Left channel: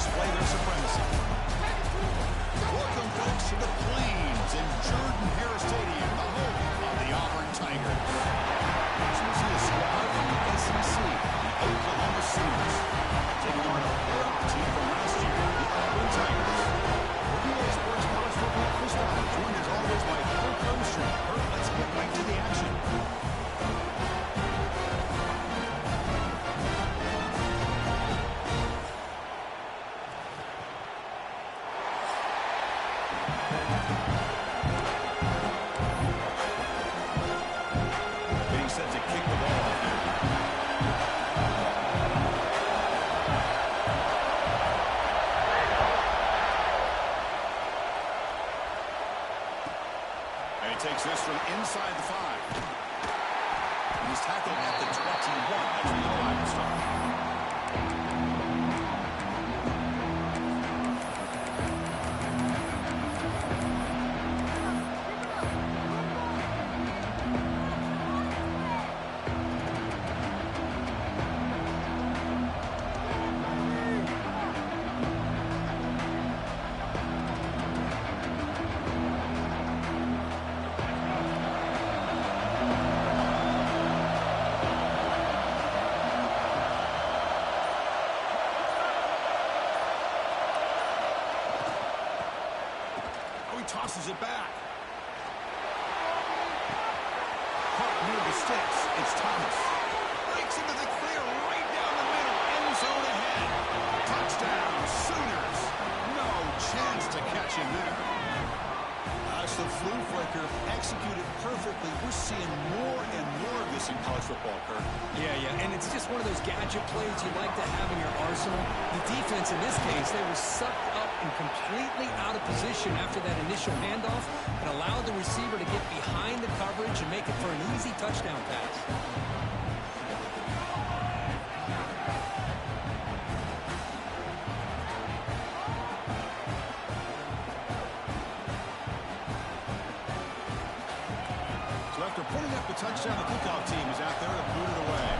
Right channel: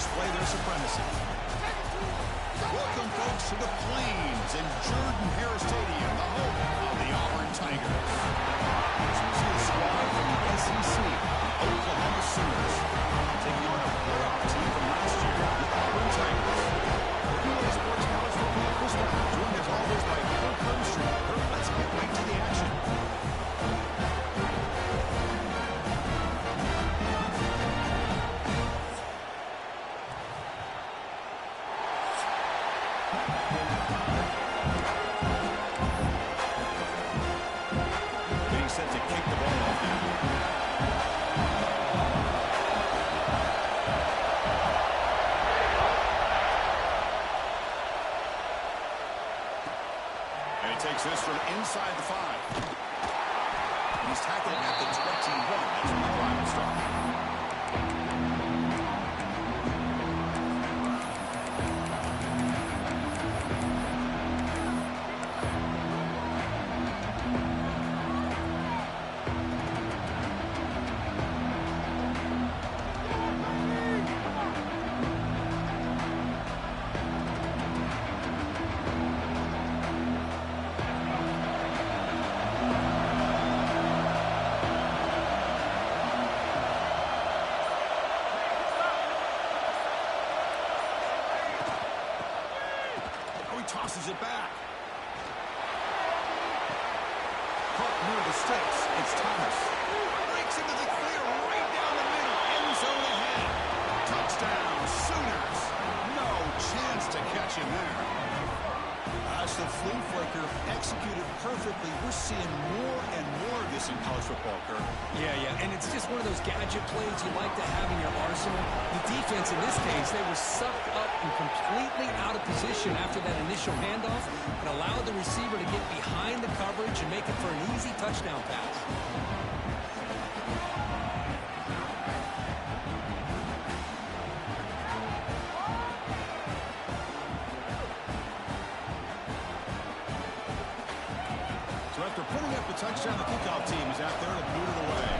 display their supremacy. Welcome, folks, to the Plains in Jordan-Hare Stadium, the home of the Auburn Tigers. As we see a squad from the SEC, the Oklahoma Sooners, taking on a playoff team from last year, the Auburn Tigers. For EA Sports College Football this time, joined as always by Kirk Hermstrom. Kirk, let's get right to the action. Set to kick the ball off now. And he takes this from inside the 5. And he's tackled at the 21. That's where the drive will start. Tosses it back. Caught near the sticks. It's Thomas. Breaks into the clear right down the middle. End zone ahead. Touchdown, Sooners. No chance to catch him there. As the flea flicker executed perfectly, we're seeing more and more of this in college football, Kirk. Yeah, and it's just one of those gadget plays you like to have in your arsenal. The defense, in this case, they were sucked up and completely out of position after that initial handoff. It allowed the receiver to get behind the coverage and make it for an easy touchdown pass. So after putting up the touchdown, the kickoff team is out there to boot it away.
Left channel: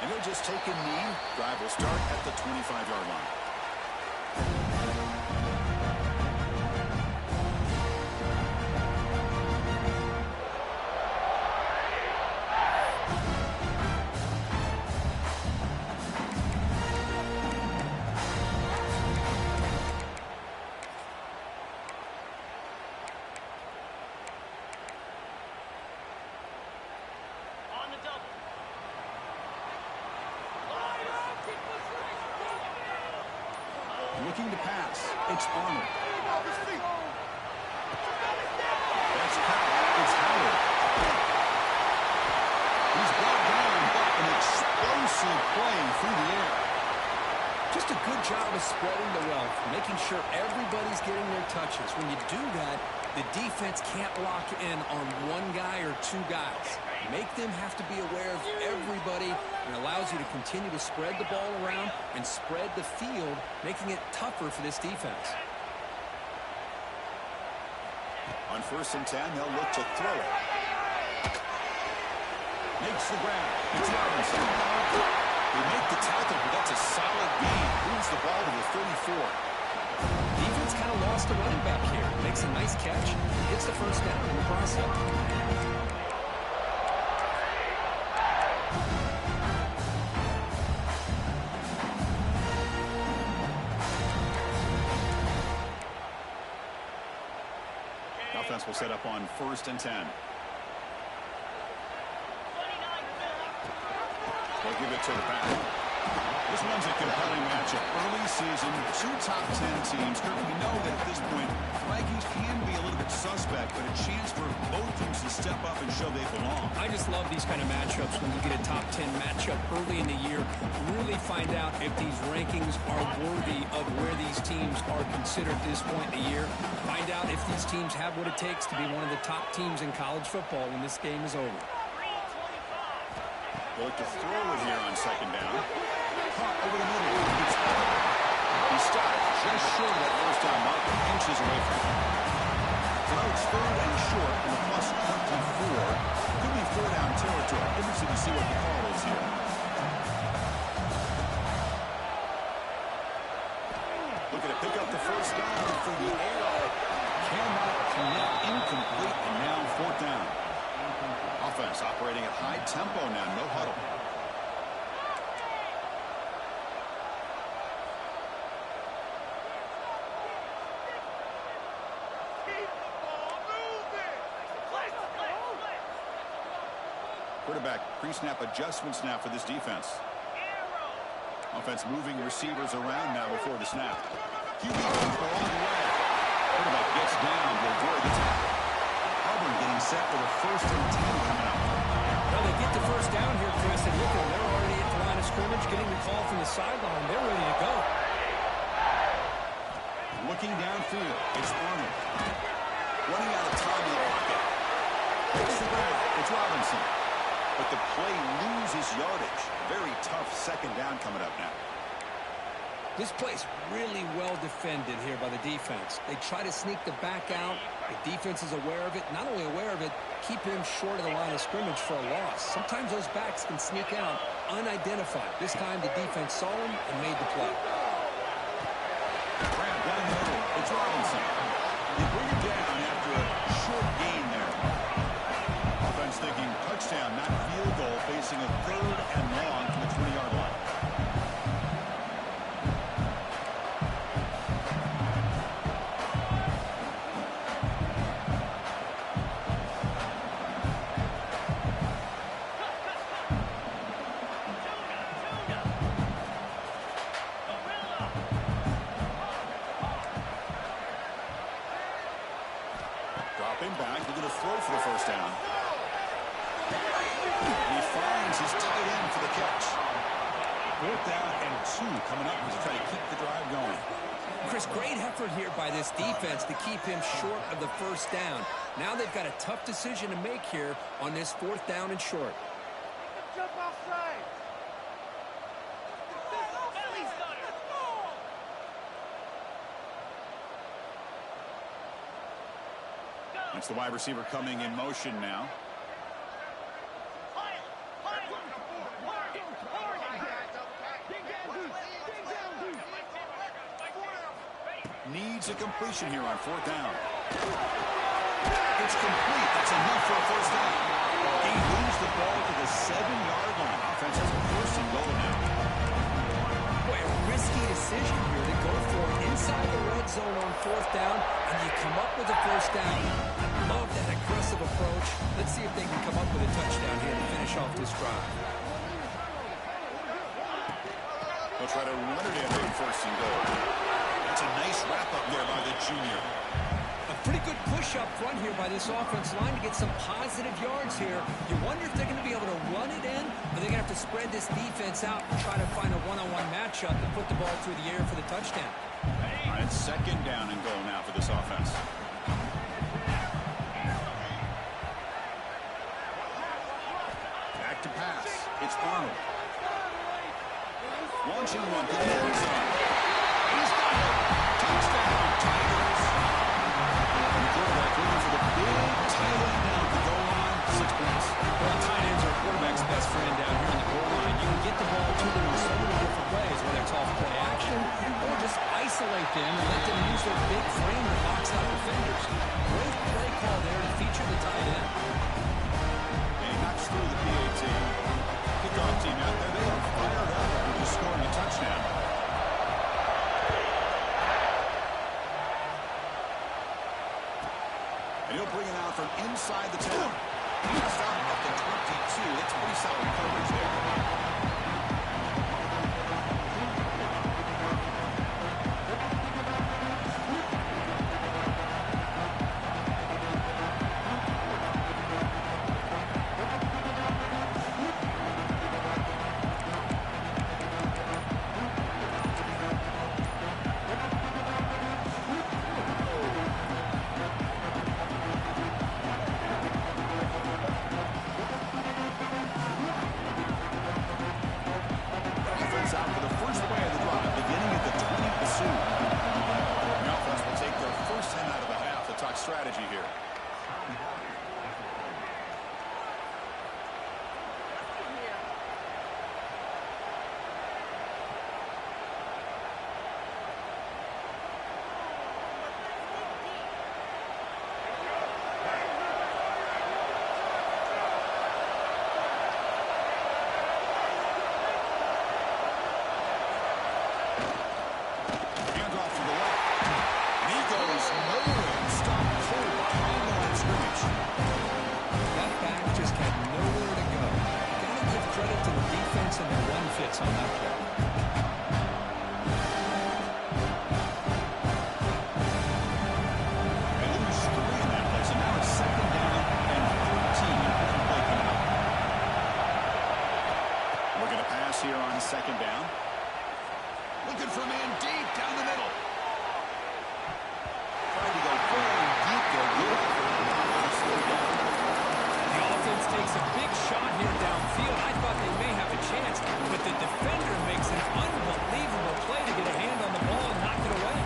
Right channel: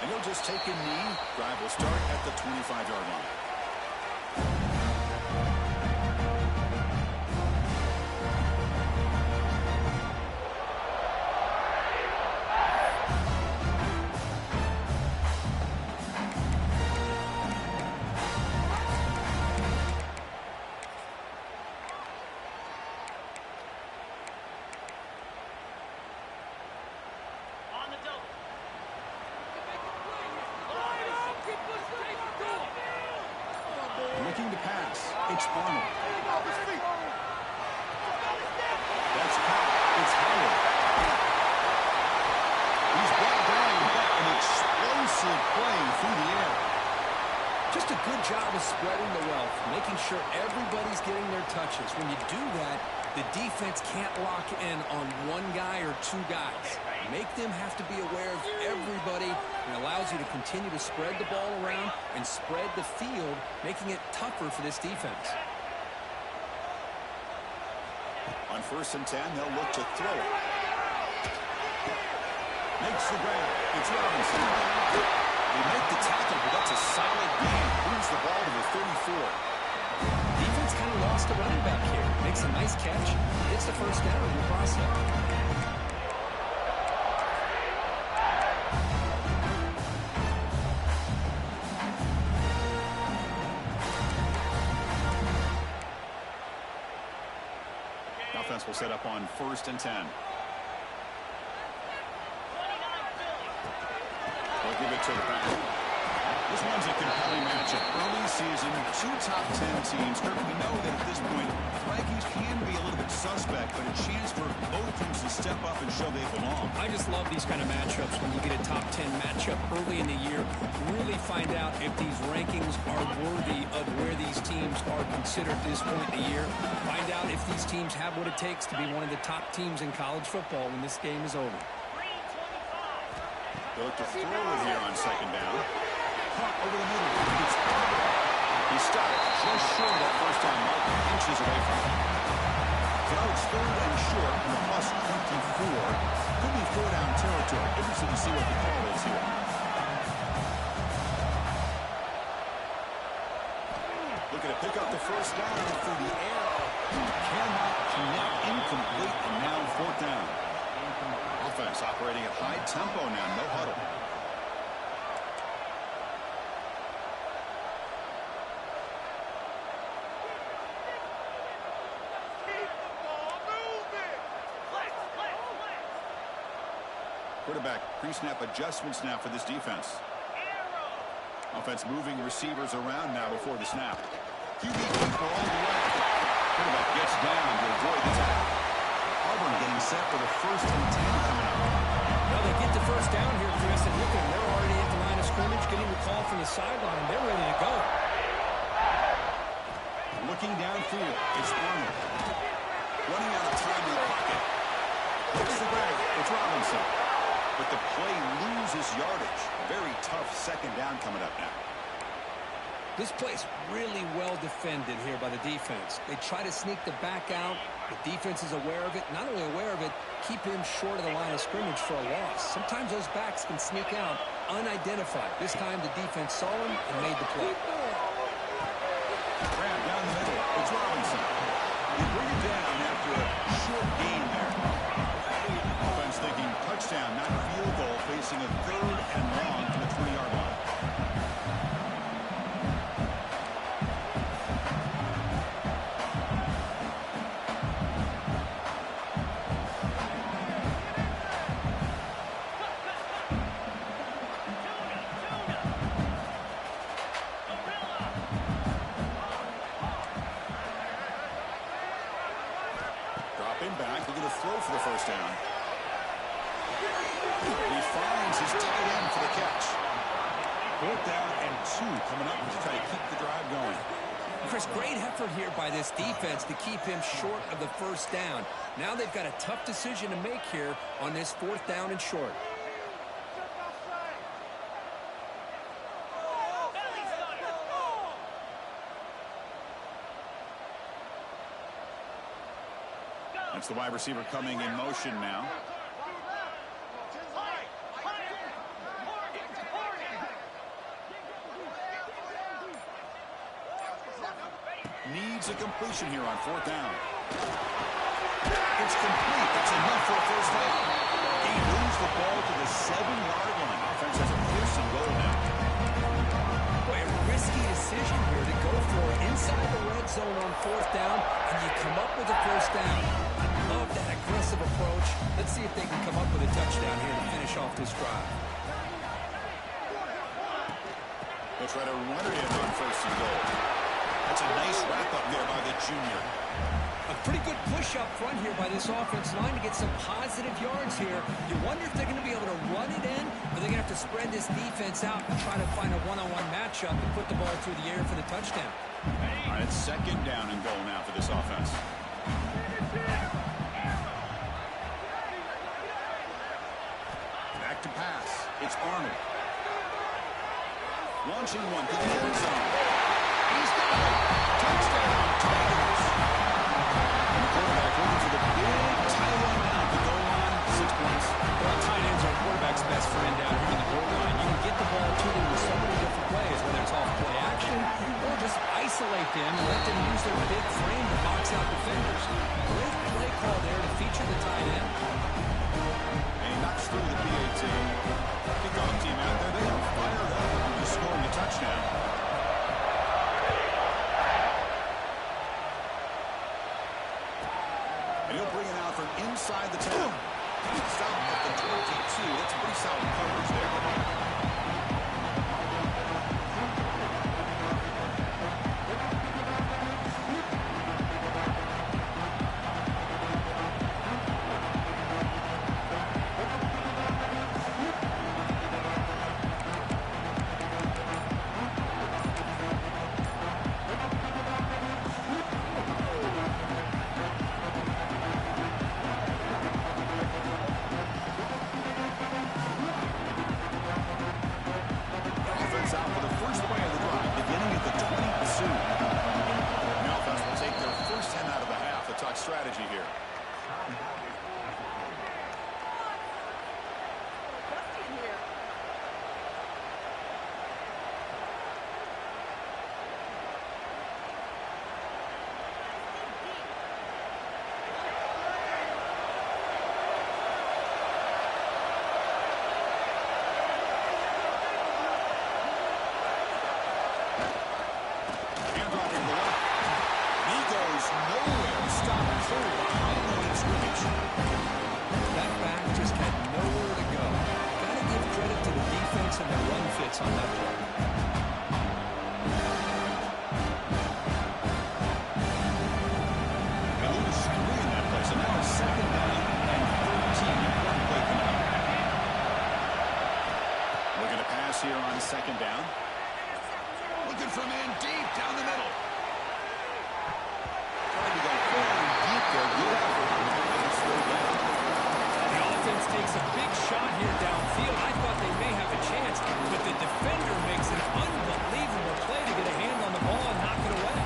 And he'll just take a knee. Drive will start at the 25-yard line. Looking to pass. It's Arnold. That's caught. It's Howard. He's brought down, but an explosive play through the air. Just a good job of spreading the wealth, making sure everybody's getting their touches. When you do that, the defense can't lock in on one guy or two guys. Make them have to be aware of everybody, and allows you to continue to spread the ball around and spread the field, making it tougher for this defense. On 1st and 10, they'll look to throw it. Makes the grab. It's Robinson. They make the tackle, but that's a solid gain. Moves the ball to the 34. Defense kind of lost a running back here. Makes a nice catch. Hits the first down in the process. Offense will set up on 1st and 10. They'll give it to the back. This one's a compelling matchup. Early season, 2 top 10 teams. Kirk, we know that at this point, rankings can be a little bit suspect, but a chance for both teams to step up and show they belong. I just love these kind of matchups when you get a top 10 matchup early in the year. Really find out if these rankings are worthy of where these teams are considered at this point in the year. Find out if these teams have what it takes to be one of the top teams in college football when this game is over. They look to throw it here on 2nd down. Caught over the middle. It's Auburn. He stopped just short of that 1st down marker, inches away from it. So now it's 3rd and short and a plus 24. Could be 4-down territory. Interested to see what the call is here. Looking to pick up the first down through the air. Cannot connect, incomplete, and now 4th down. Offense operating at high tempo now, no huddle. Quarterback pre-snap adjustments now for this defense. Offense moving receivers around now before the snap. QB keeper on the way. Quarterback gets down to avoid the tackle. Auburn getting set with a 1st and 10 coming up. Well, they get the first down here, Chris, and look at them. They're already at the line of scrimmage, getting the call from the sideline. They're ready to go. Looking downfield, it's Arnold. Running out of time in the pocket. Hits the ground. It's Robinson. But the play loses yardage. Very tough 2nd down coming up now. This play's really well defended here by the defense. They try to sneak the back out. The defense is aware of it. Not only aware of it, keep him short of the line of scrimmage for a loss. Sometimes those backs can sneak out unidentified. This time the defense saw him and made the play. Grab down the middle. It's Robinson. They bring it down after a short gain there. Offense thinking touchdown, not field goal, facing a 3rd and long from the 20-yard line. Dropping back, looking to throw for the 1st down. He finds his tight end for the catch. 4th down and 2 coming up as they try to keep the drive going. Chris, great effort here by this defense to keep him short of the 1st down. Now they've got a tough decision to make here on this 4th down and short. That's the wide receiver coming in motion now. Needs a completion here on 4th down. It's complete. That's enough for a 1st down. He moves the ball to the 7-yard line. Offense has a 1st and goal now. Boy, a risky decision here to go for it inside the red zone on 4th down, and you come up with a 1st down. I love that aggressive approach. Let's see if they can come up with a touchdown here to finish off this drive. They'll try to run it in on 1st and goal. That's a nice wrap-up there by the junior. A pretty good push up front here by this offense line to get some positive yards here. You wonder if they're going to be able to run it in, or they're going to have to spread this defense out and try to find a one-on-one matchup to put the ball through the air for the touchdown. All right, it's 2nd down and goal now for this offense. Back to pass. It's Arnold. Launching one to the end zone. He's got it. Touchdown, Tigers. And the quarterback looking for the big tight end down at the goal line. 6 points. Well, tight ends are quarterback's best friend down here on the goal line. You can get the ball to them in so many different ways, whether it's off play action or just isolate them and let them use their big frame to box out defenders. Great play call there to feature the tight end. And he knocks through the PAT. Kickoff team out there. They are fired up after just scoring a touchdown. And he'll bring it out from inside the 10. Stop at the 22. That's pretty solid coverage there. strategy here. Handoff to the left. And he goes nowhere. Stopped cold behind the line of scrimmage. That back just had nowhere to go. Got to give credit to the defense and their run fits on that play. They lose 3 in that play, so now it's 2nd down and 13. Important play coming up. Looking to pass here on 2nd down. Looking for a man deep down the middle. Tried to go very deep there. Good effort. And it's 3rd down. The offense takes a big shot here downfield. I thought they may have a chance, but the defender makes an unbelievable play to get a hand on the ball and knock it away.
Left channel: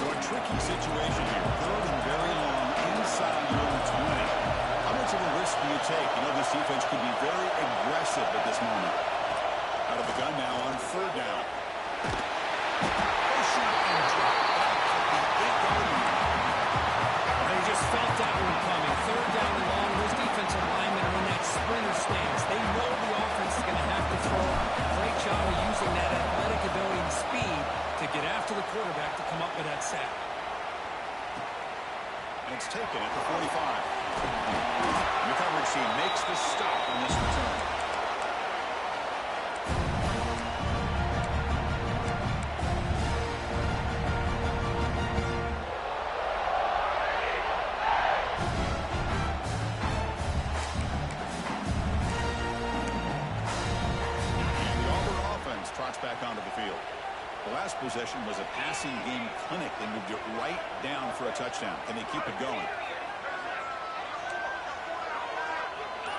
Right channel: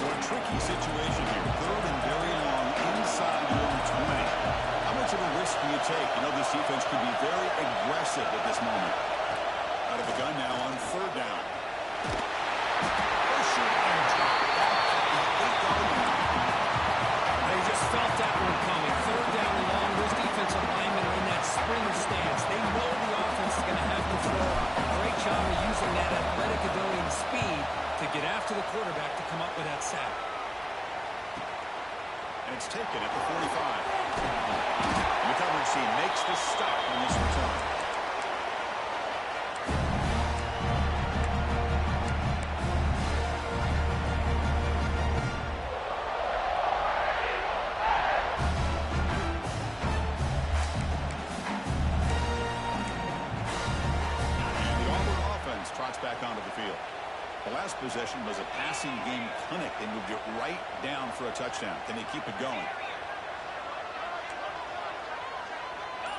So a tricky situation here. 3rd and very long inside your own 20. How much of a risk do you take? You know this defense could be very aggressive at this moment. Out of the gun now on 3rd down. Push and drop back at the 8-yard line. They just felt that one coming. 3rd down and long. Those defensive linemen are in that sprinter stance. They know the offense is going to have to throw. Great job of using that athletic ability and speed to get after the quarterback to come up with that sack. And it's taken at the 45. And the coverage team makes the stop on this return. And the Auburn offense trots back onto the field. The last possession was a passing game clinic. They moved it right down for a touchdown. Can they keep it going?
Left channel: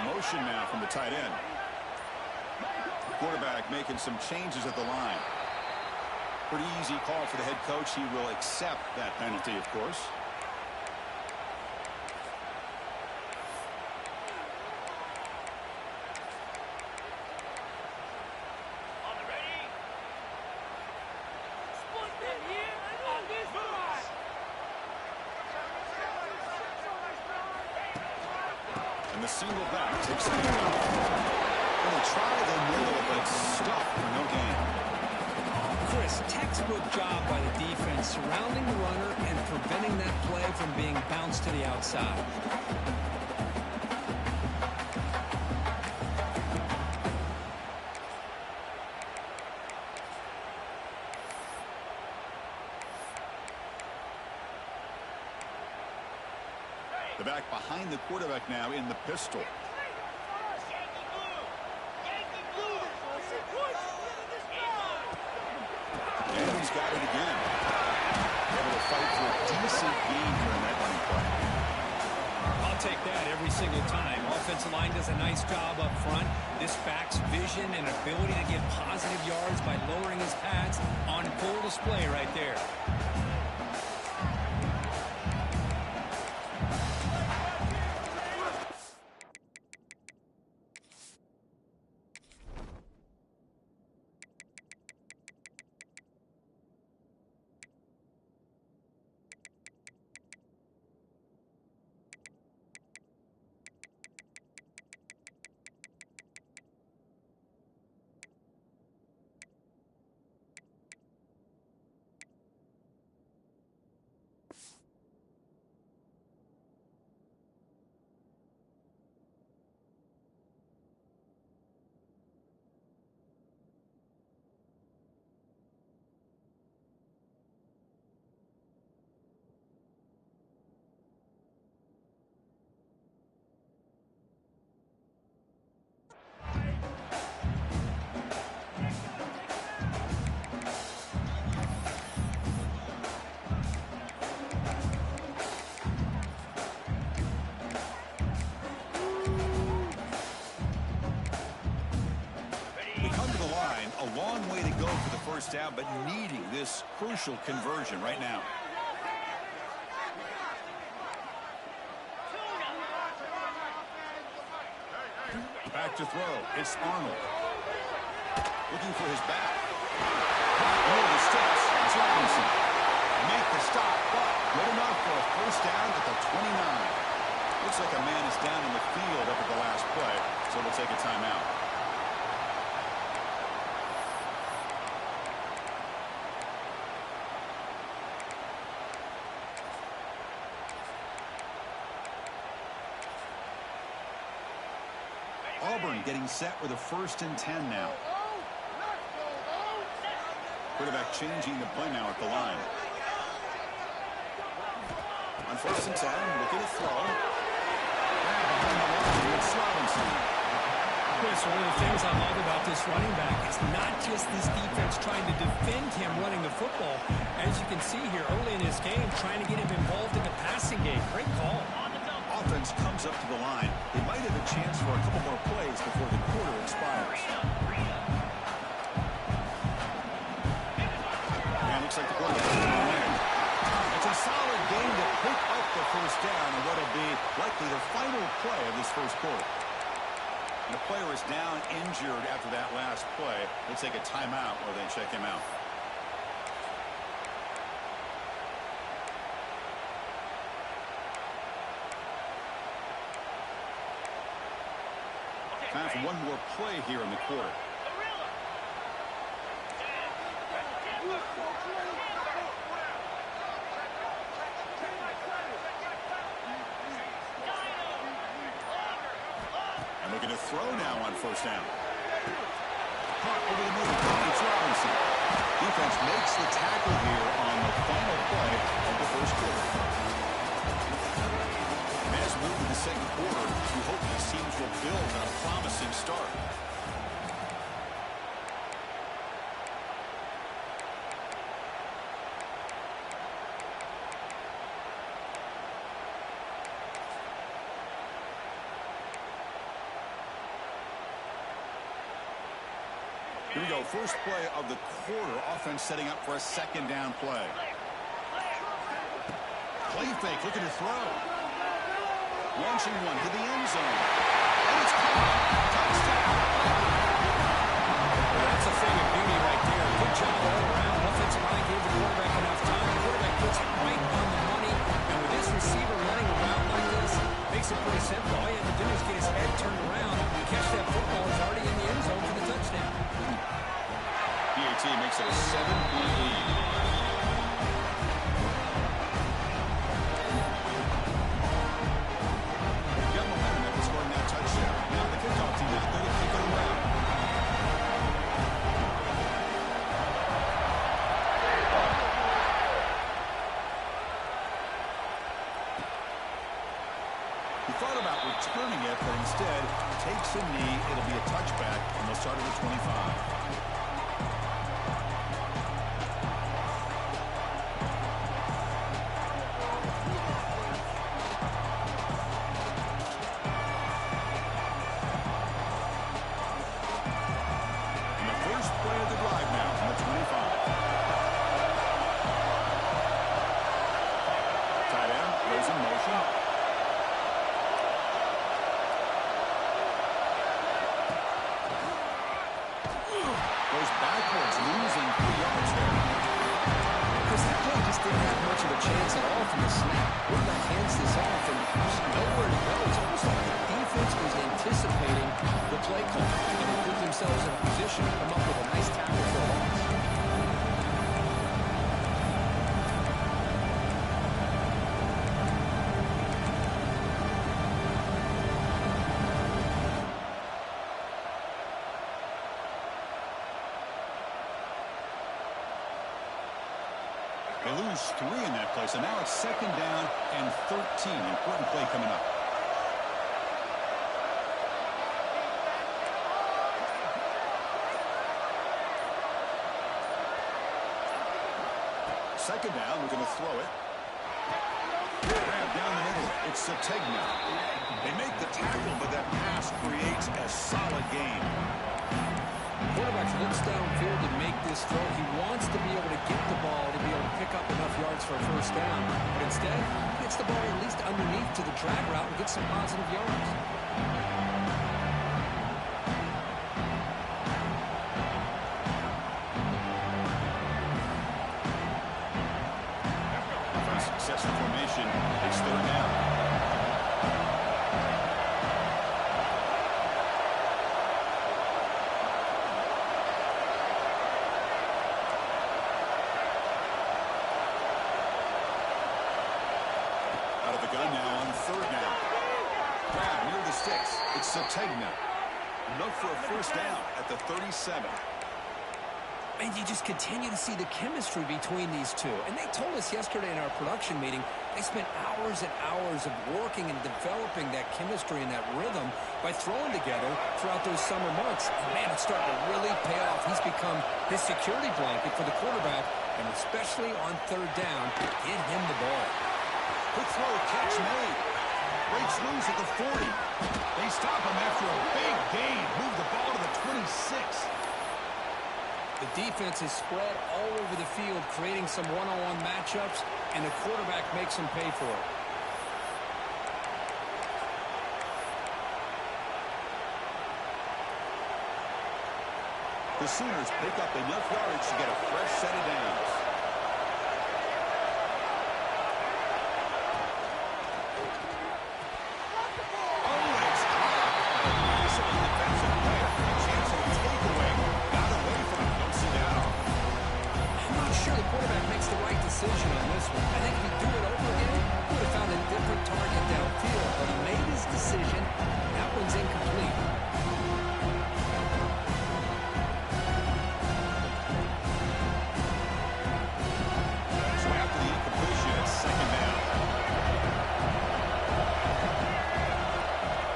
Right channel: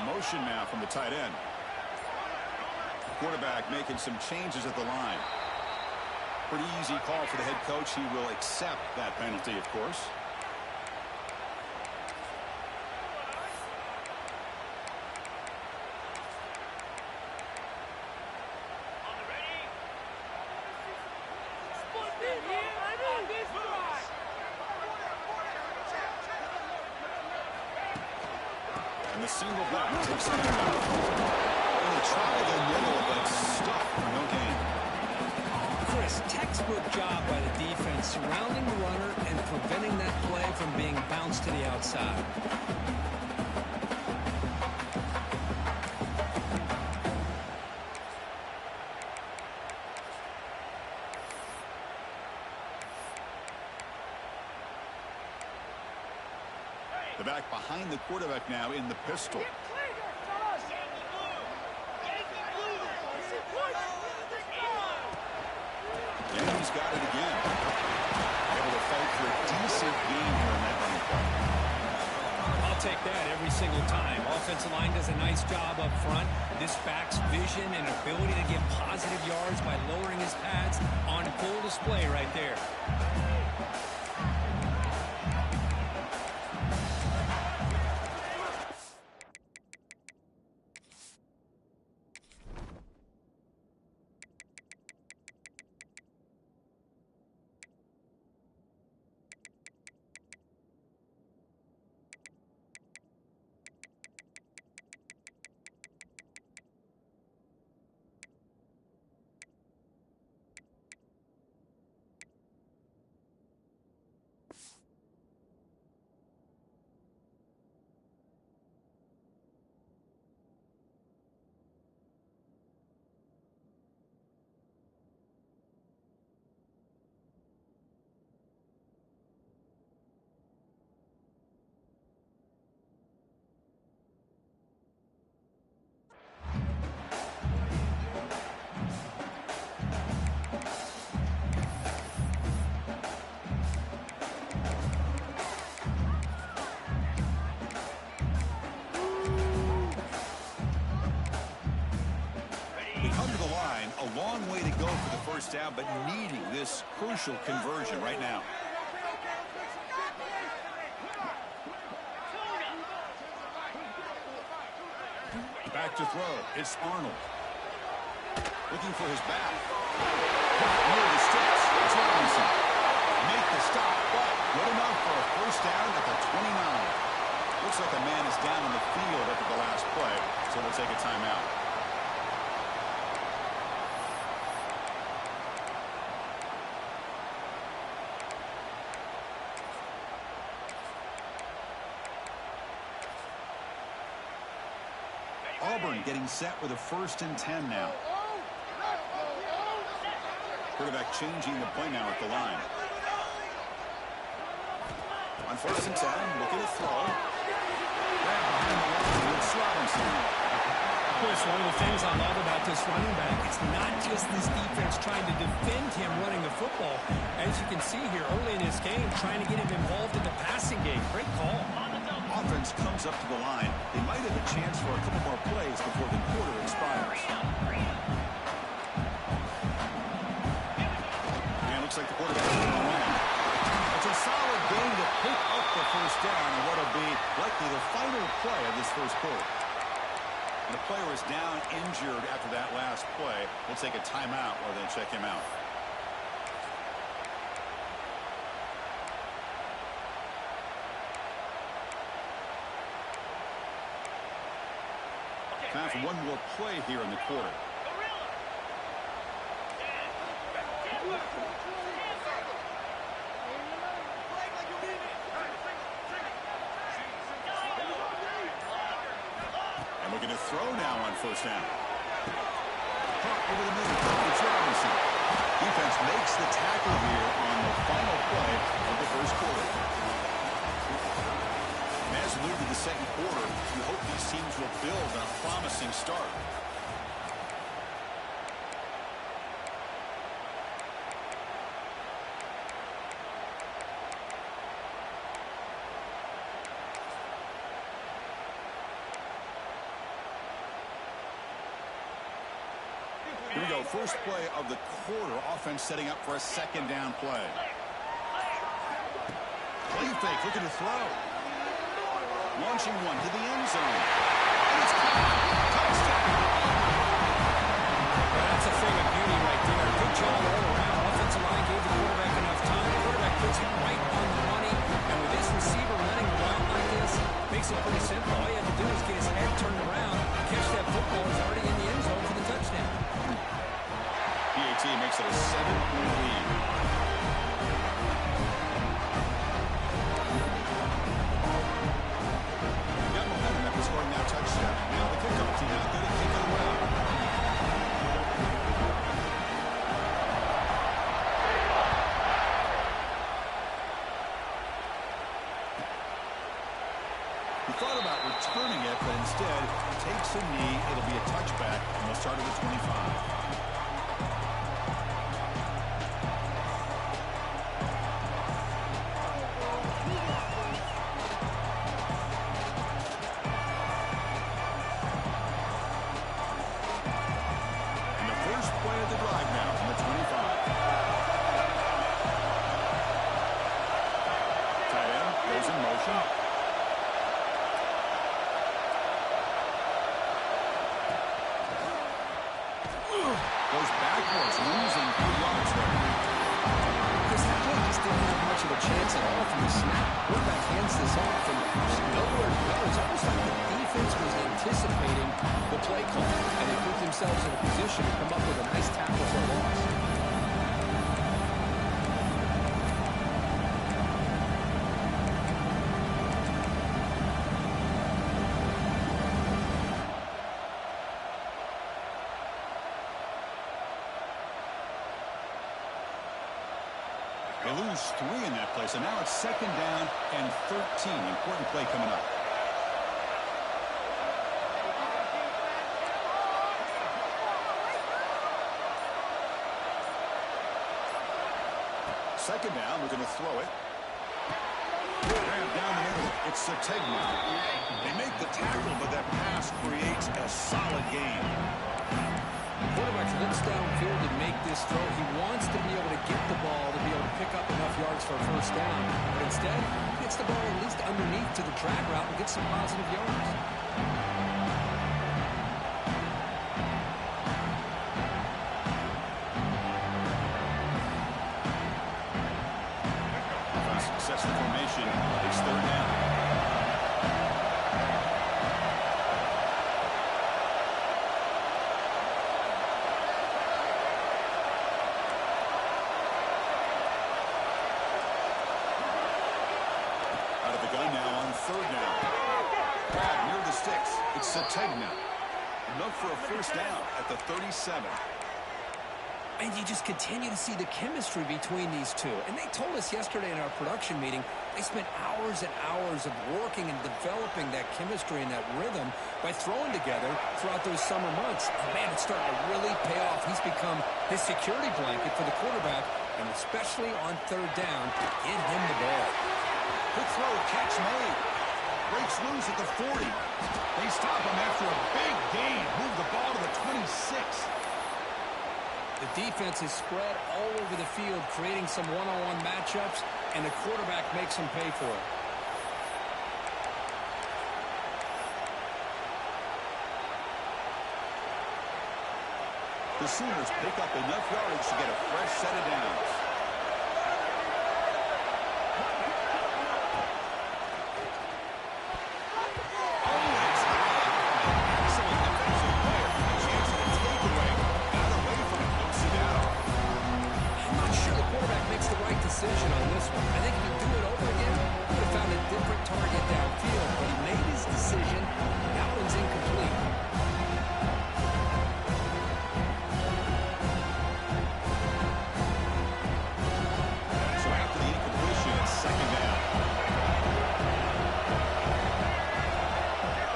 Motion now from the tight end. The quarterback making some changes at the line. Pretty easy call for the head coach. He will accept that penalty, of course. And the single back takes the handoff. And they try the middle, but stuck for no gain. Chris, textbook job by the defense surrounding the runner and preventing that play from being bounced to the outside. The back behind the quarterback now in the pistol. And he's got it again. Able to fight for a decent gain here in that running play. I'll take that every single time. Offensive line does a nice job up front. This back's vision and ability to get positive yards by lowering his pads on full display right there. a long way to go for the first down, but needing this crucial conversion right now. Back to throw. It's Arnold. Looking for his back. Near the sticks. It's Robinson. Make the stop, but good enough for a first down at the 29. Looks like a man is down on the field after the last play, so we'll take a timeout. Auburn getting set with a 1st and 10 now. Quarterback changing the play now at the line. On 1st and 10, looking to throw. Grab behind the line, it's Robinson. Chris, one of the things I love about this running back, it's not just this defense trying to defend him running the football. As you can see here early in this game, trying to get him involved in the passing game. Great call. Offense comes up to the line. They might have a chance for a couple more plays before the quarter expires. And looks like the quarterback is going to win. It's a solid game to pick up the first down and what will be likely the final play of this first quarter. And the player is down injured after that last play. We'll take a timeout while they check him out. Time for one more play here in the quarter. And looking to throw now on 1st down. Caught over the middle. It's Robinson. Defense makes the tackle here on the final play of the first quarter. As we move to the second quarter, we hope these teams will build on a promising start. Here we go. First play of the quarter. Offense setting up for a 2nd down play. Play fake. Looking to throw. Launching one to the end zone. And it's caught. Touchdown. Well, that's a thing of beauty right there. Good job all around. Offensive line gave the quarterback enough time. The quarterback puts it right on the money. And with this receiver running around like this, makes it pretty simple. All he had to do is get his head turned around, catch that football. He's already in the end zone for the touchdown. PAT makes it a 7-point lead. Got momentum after scoring that touchdown. Now the kickoff team out there to kick it away. He thought about returning it, but instead takes a knee. It'll be a touchback, and they'll start at the 25. Goes backwards, losing 3 yards there. Because that play just didn't have much of a chance at all from the snap. Quarterback hands this off and just nowhere to go. It's almost like the defense was anticipating the play call, and they put themselves in a position to come up with a nice tackle for a loss. They lose 3 in that play, so now it's 2nd down and 13. Important play coming up. Second down, we're going to throw it. Grab down the middle. It's Sategna. They make the tackle, but that pass creates a solid gain. Quarterback looks downfield to make this throw. He wants to be able to get the ball to be able to pick up enough yards for a first down. But instead, he gets the ball at least underneath to the drag route and gets some positive yards. Sets the formation. It's third down. Out of the gun now on third down. Grab near the sticks. It's Sategna. Enough for a first down at the 37. And you just continue to see the chemistry between these two. And they told us yesterday in our production meeting, they spent hours and hours of working and developing that chemistry and that rhythm by throwing together throughout those summer months. And man, it's starting to really pay off. He's become his security blanket for the quarterback, and especially on third down, get him the ball. Quick throw, catch made. Breaks loose at the 40. They stop him after a big gain. Move the ball to the 26. The defense is spread all over the field, creating some one-on-one matchups, and the quarterback makes them pay for it. The Sooners pick up enough yardage to get a fresh set of downs. Quarterback makes the right decision on this one. I think if he'd do it over again, he would have found a different target downfield, but he made his decision. That one's incomplete. So after the incompletion, it's second down.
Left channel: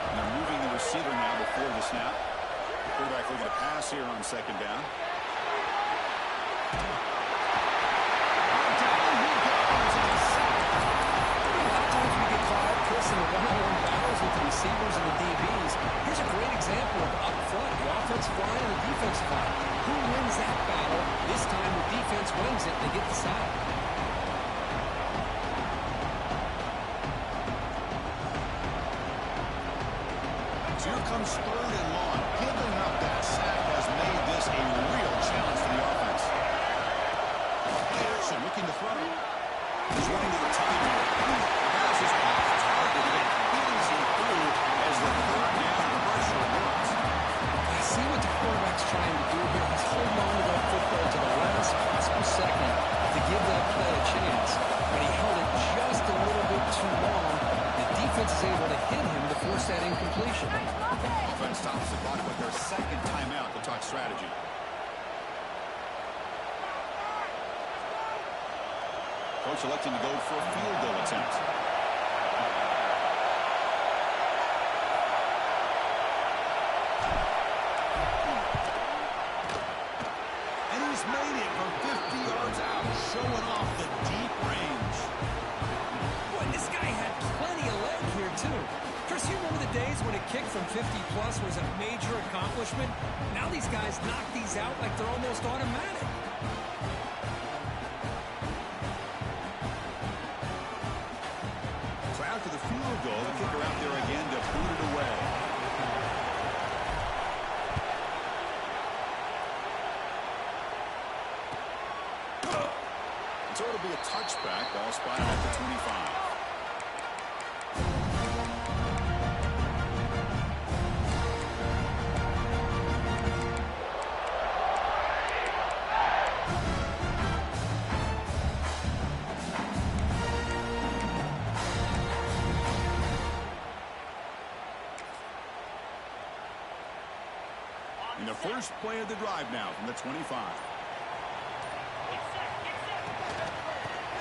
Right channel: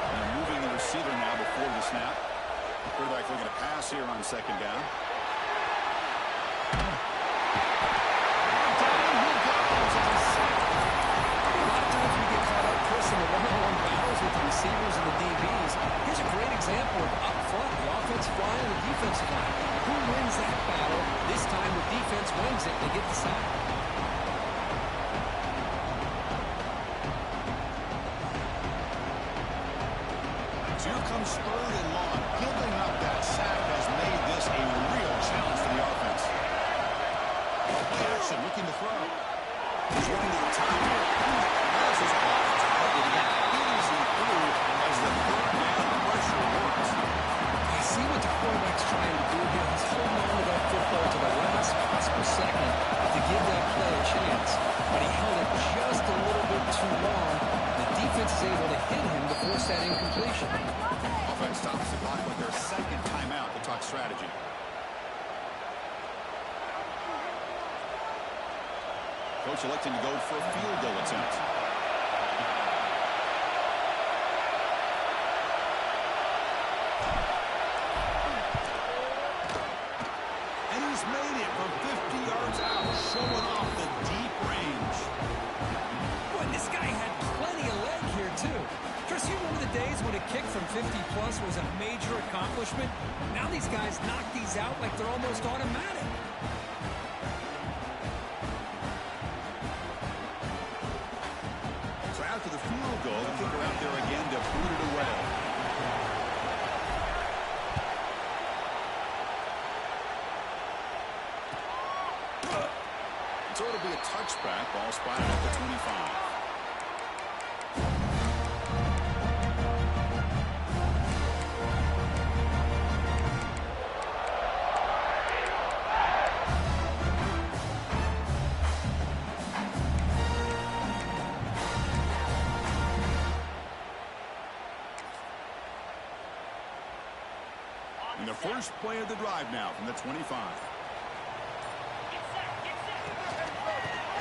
And they're moving the receiver now before the snap. Quarterback looking to pass here on second down. In the one-on-one battles with the receivers and the DBs. Here's a great example of up front, the offensive line and the defensive line. Who wins that battle? This time the defense wins it and they get the sack. So here comes third and long. Giving up that sack has made this a real challenge for the offense. Play action, looking to throw. He's running to the time here. The pass is off target. Again, easy through as the third down pressure works. I see what the quarterback's trying to do here. He's holding on to that football to the last possible second to give that play a chance. But he held it just a little bit too long. The defense is able to hit him to force that incompletion. Offense stops the clock with their second timeout to talk strategy. Coach electing to go for a field goal attempt. And he's made it from 50 yards out, showing off the deep range. Boy, this guy had plenty of leg here, too. Chris, you remember the days when a kick from 50-plus was a major accomplishment? Now these guys knock these out like they're almost automatic. After the field goal, the kicker out there again to boot it away. So it'll be a touchback. Ball spotted at the 25. And the first play of the drive now from the 25.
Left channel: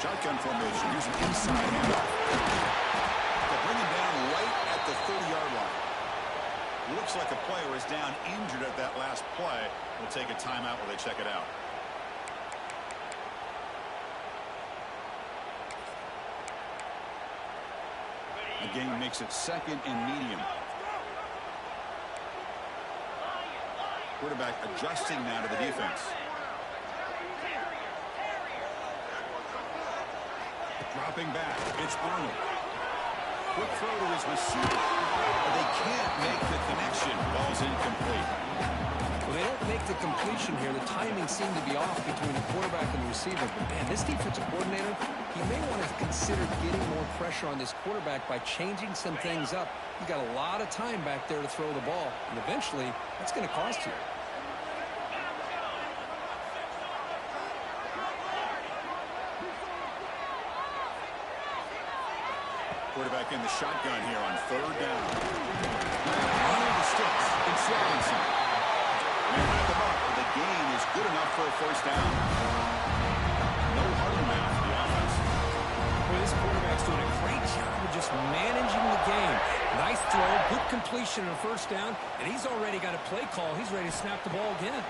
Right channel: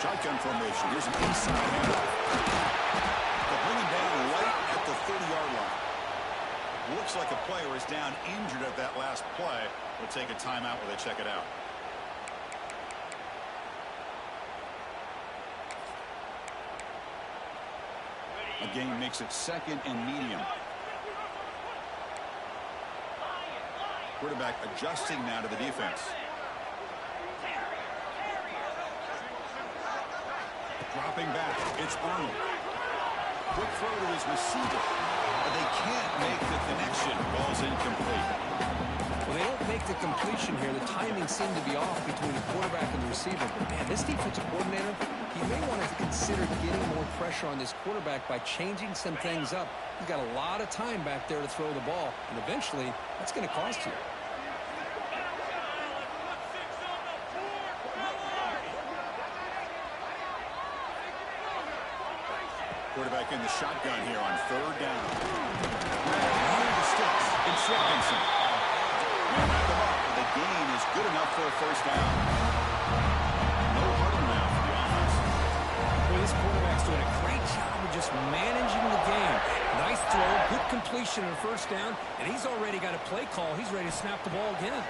Shotgun formation. Here's an inside handoff. They'll bring him down right at the 30-yard line. Looks like a player is down injured at that last play. We'll take a timeout while they check it out. A gain makes it second and medium. Quarterback adjusting now to the defense. Dropping back, it's Arnold. Quick throw to his receiver. But they can't make the connection. Ball's incomplete. Well, they don't make the completion here. The timing seemed to be off between the quarterback and the receiver. But, man, this defensive coordinator, he may want to consider getting more pressure on this quarterback by changing some things up. He's got a lot of time back there to throw the ball, and eventually that's going to cost you. Quarterback in the shotgun here on third down. Under the sticks. It's Robinson. They wrap them up, but the gain is good enough for a first down. No huddle now for the offense. Boy, this quarterback's doing a great job of just managing the game. Nice throw, good completion on a first down, and he's already got a play call. He's ready to snap the ball again.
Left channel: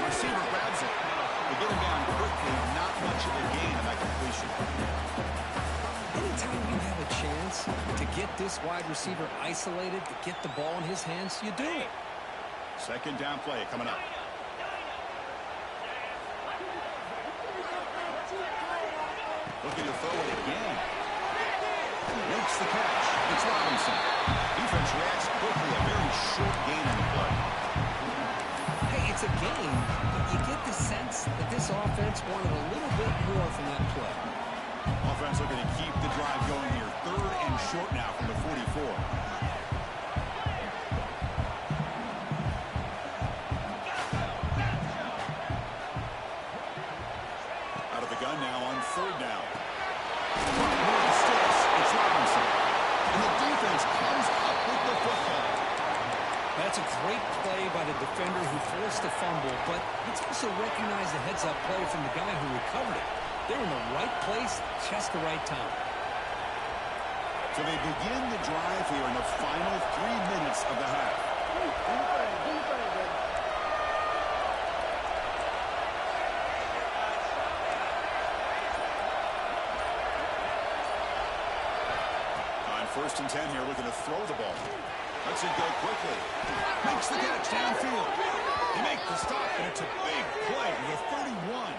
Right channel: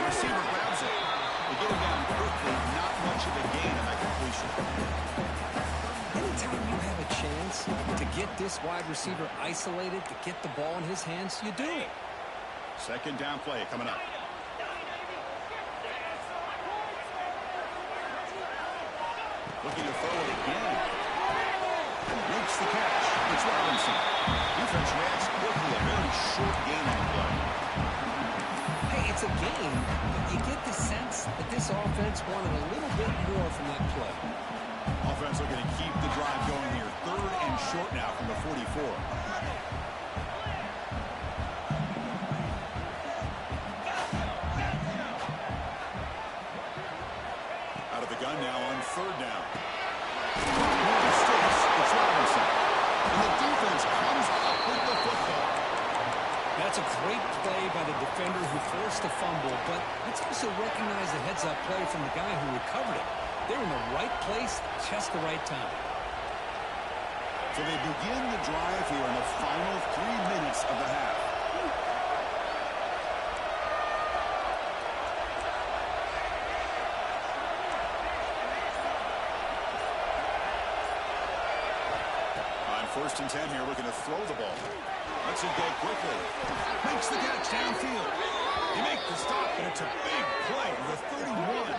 Receiver grabs it. They get him down quickly. Not much of a gain on that completion. Anytime you have a chance to get this wide receiver isolated, to get the ball in his hands, you do it. Second down play coming up. Looking to throw it again. Makes the catch. It's Robinson. Defense reacts quickly. A very short gain on the play. Hey, it's a game, but you get the sense that this offense wanted a little bit more from that play. Offense looking to keep the drive going here. Third and short now from the 44. Out of the gun now on third down. It's Robinson. And the defense comes up with the football. That's a great play by the defender who forced the fumble, but let's also recognize the heads-up play from the guy who recovered it. They're in the right place, just the right time. So they begin the drive here in the final 3 minutes of the half. On 1st and 10 here, looking to throw the ball. Lets it go quickly. Makes the catch downfield. He makes the stop, and it's a big play to the 31.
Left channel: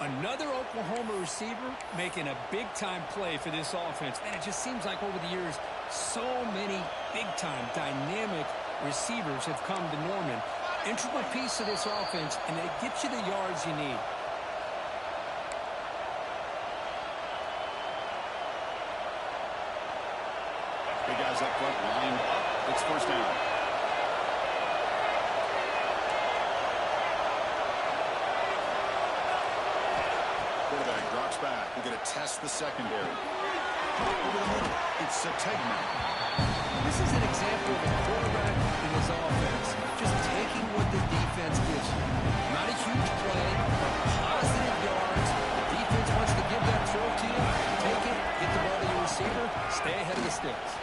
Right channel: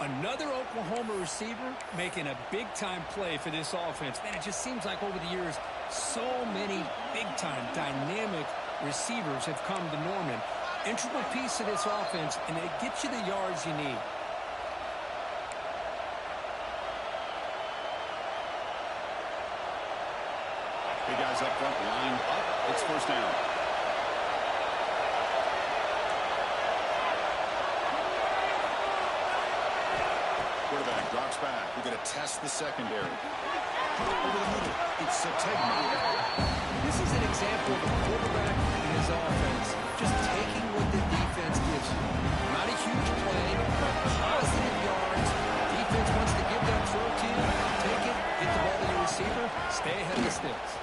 Another Oklahoma receiver making a big-time play for this offense. Man, it just seems like over the years, so many big-time, dynamic receivers have come to Norman. Integral piece of this offense, and it gets you the yards you need. Big guys up front, lined up. It's first down. Quarterback drops back. We're going to test the secondary. Over the middle. It's Sategna. This is an example of a quarterback in his offense just taking what the defense gives you. Not a huge play, but positive yards. Defense wants to give that throw to you. Take it, get the ball to your receiver, stay ahead of the sticks.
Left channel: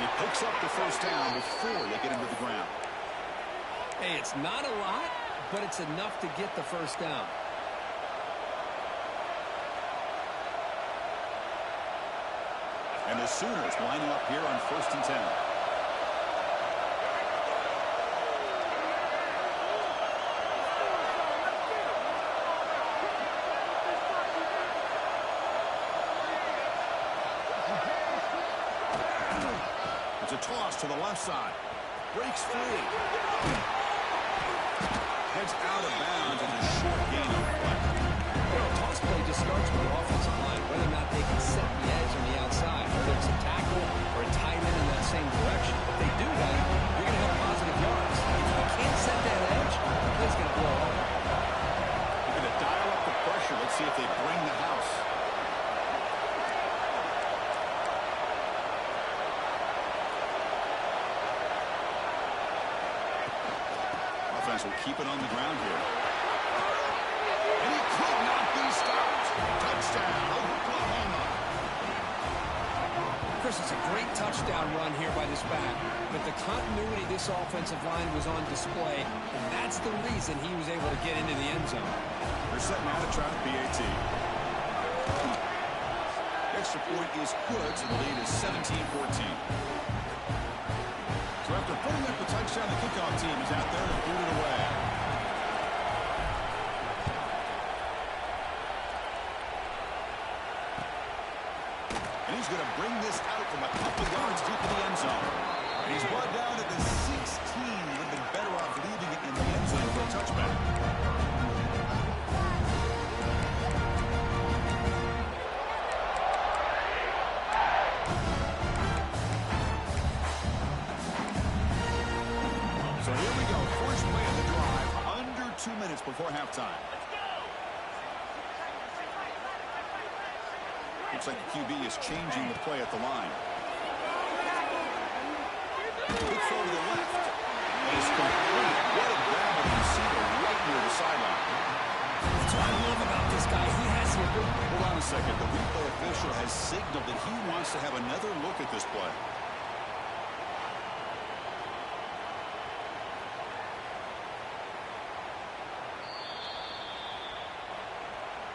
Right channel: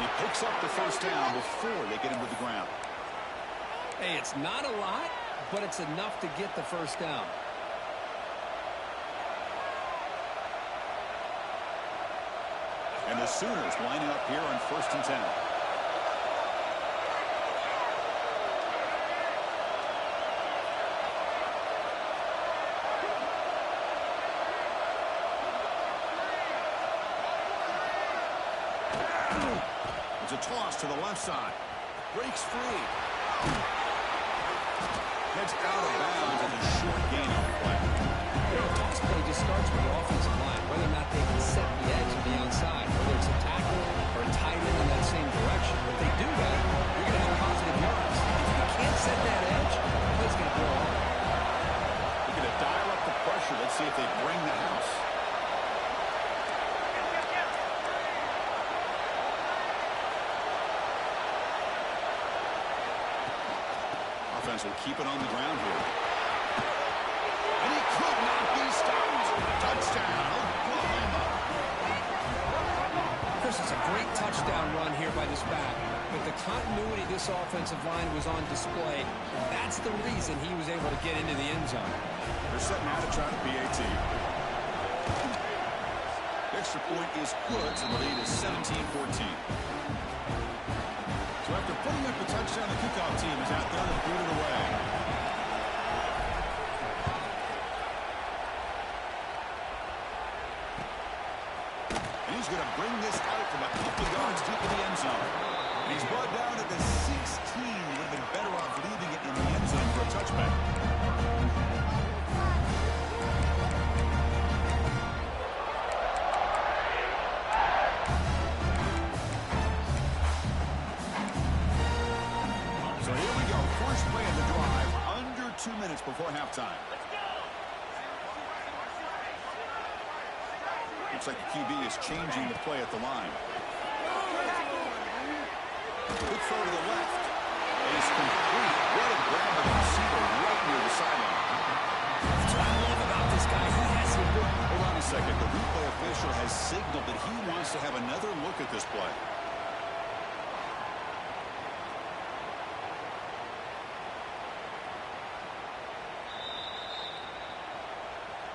He picks up the first down before they get him to the ground. Hey, it's not a lot, but it's enough to get the first down. And the Sooners lining up here on 1st and 10. It's a toss to the left side. Breaks free. Heads out of bounds as a short gain on the play. You know, a toss play just starts with the offensive line, whether or not they can set the edge on the outside, whether it's a tackle or a tight end in that same direction. If they do that, you're going to have positive yards. If you can't set that edge, the play's going to blow up. They're going to dial up the pressure. Let's see if they bring the house. Offense will keep it on the ground here. And he could not be stopped. Touchdown, Oklahoma. Chris, it's a great touchdown run here by this back, but the continuity of this offensive line was on display, and that's the reason he was able to get into the end zone. They're setting out to try the PAT. Extra point is good, so the lead is 17-14. So after putting up the touchdown, the kickoff team is out there to boot it away. And he's going to bring this out from a couple yards deep in the end zone. And he's brought down at the 16. Would have been better off leaving it in the end zone for a touchback. So here we go. First play of the drive. Under 2 minutes before halftime. Looks like the QB is changing the play at the line. Good throw to the left. It is complete. What a grab of the receiver right near the sideline. That's what I love about this guy. He has the ability. Hold on a second. The replay official has signaled that he wants to have another look at this play.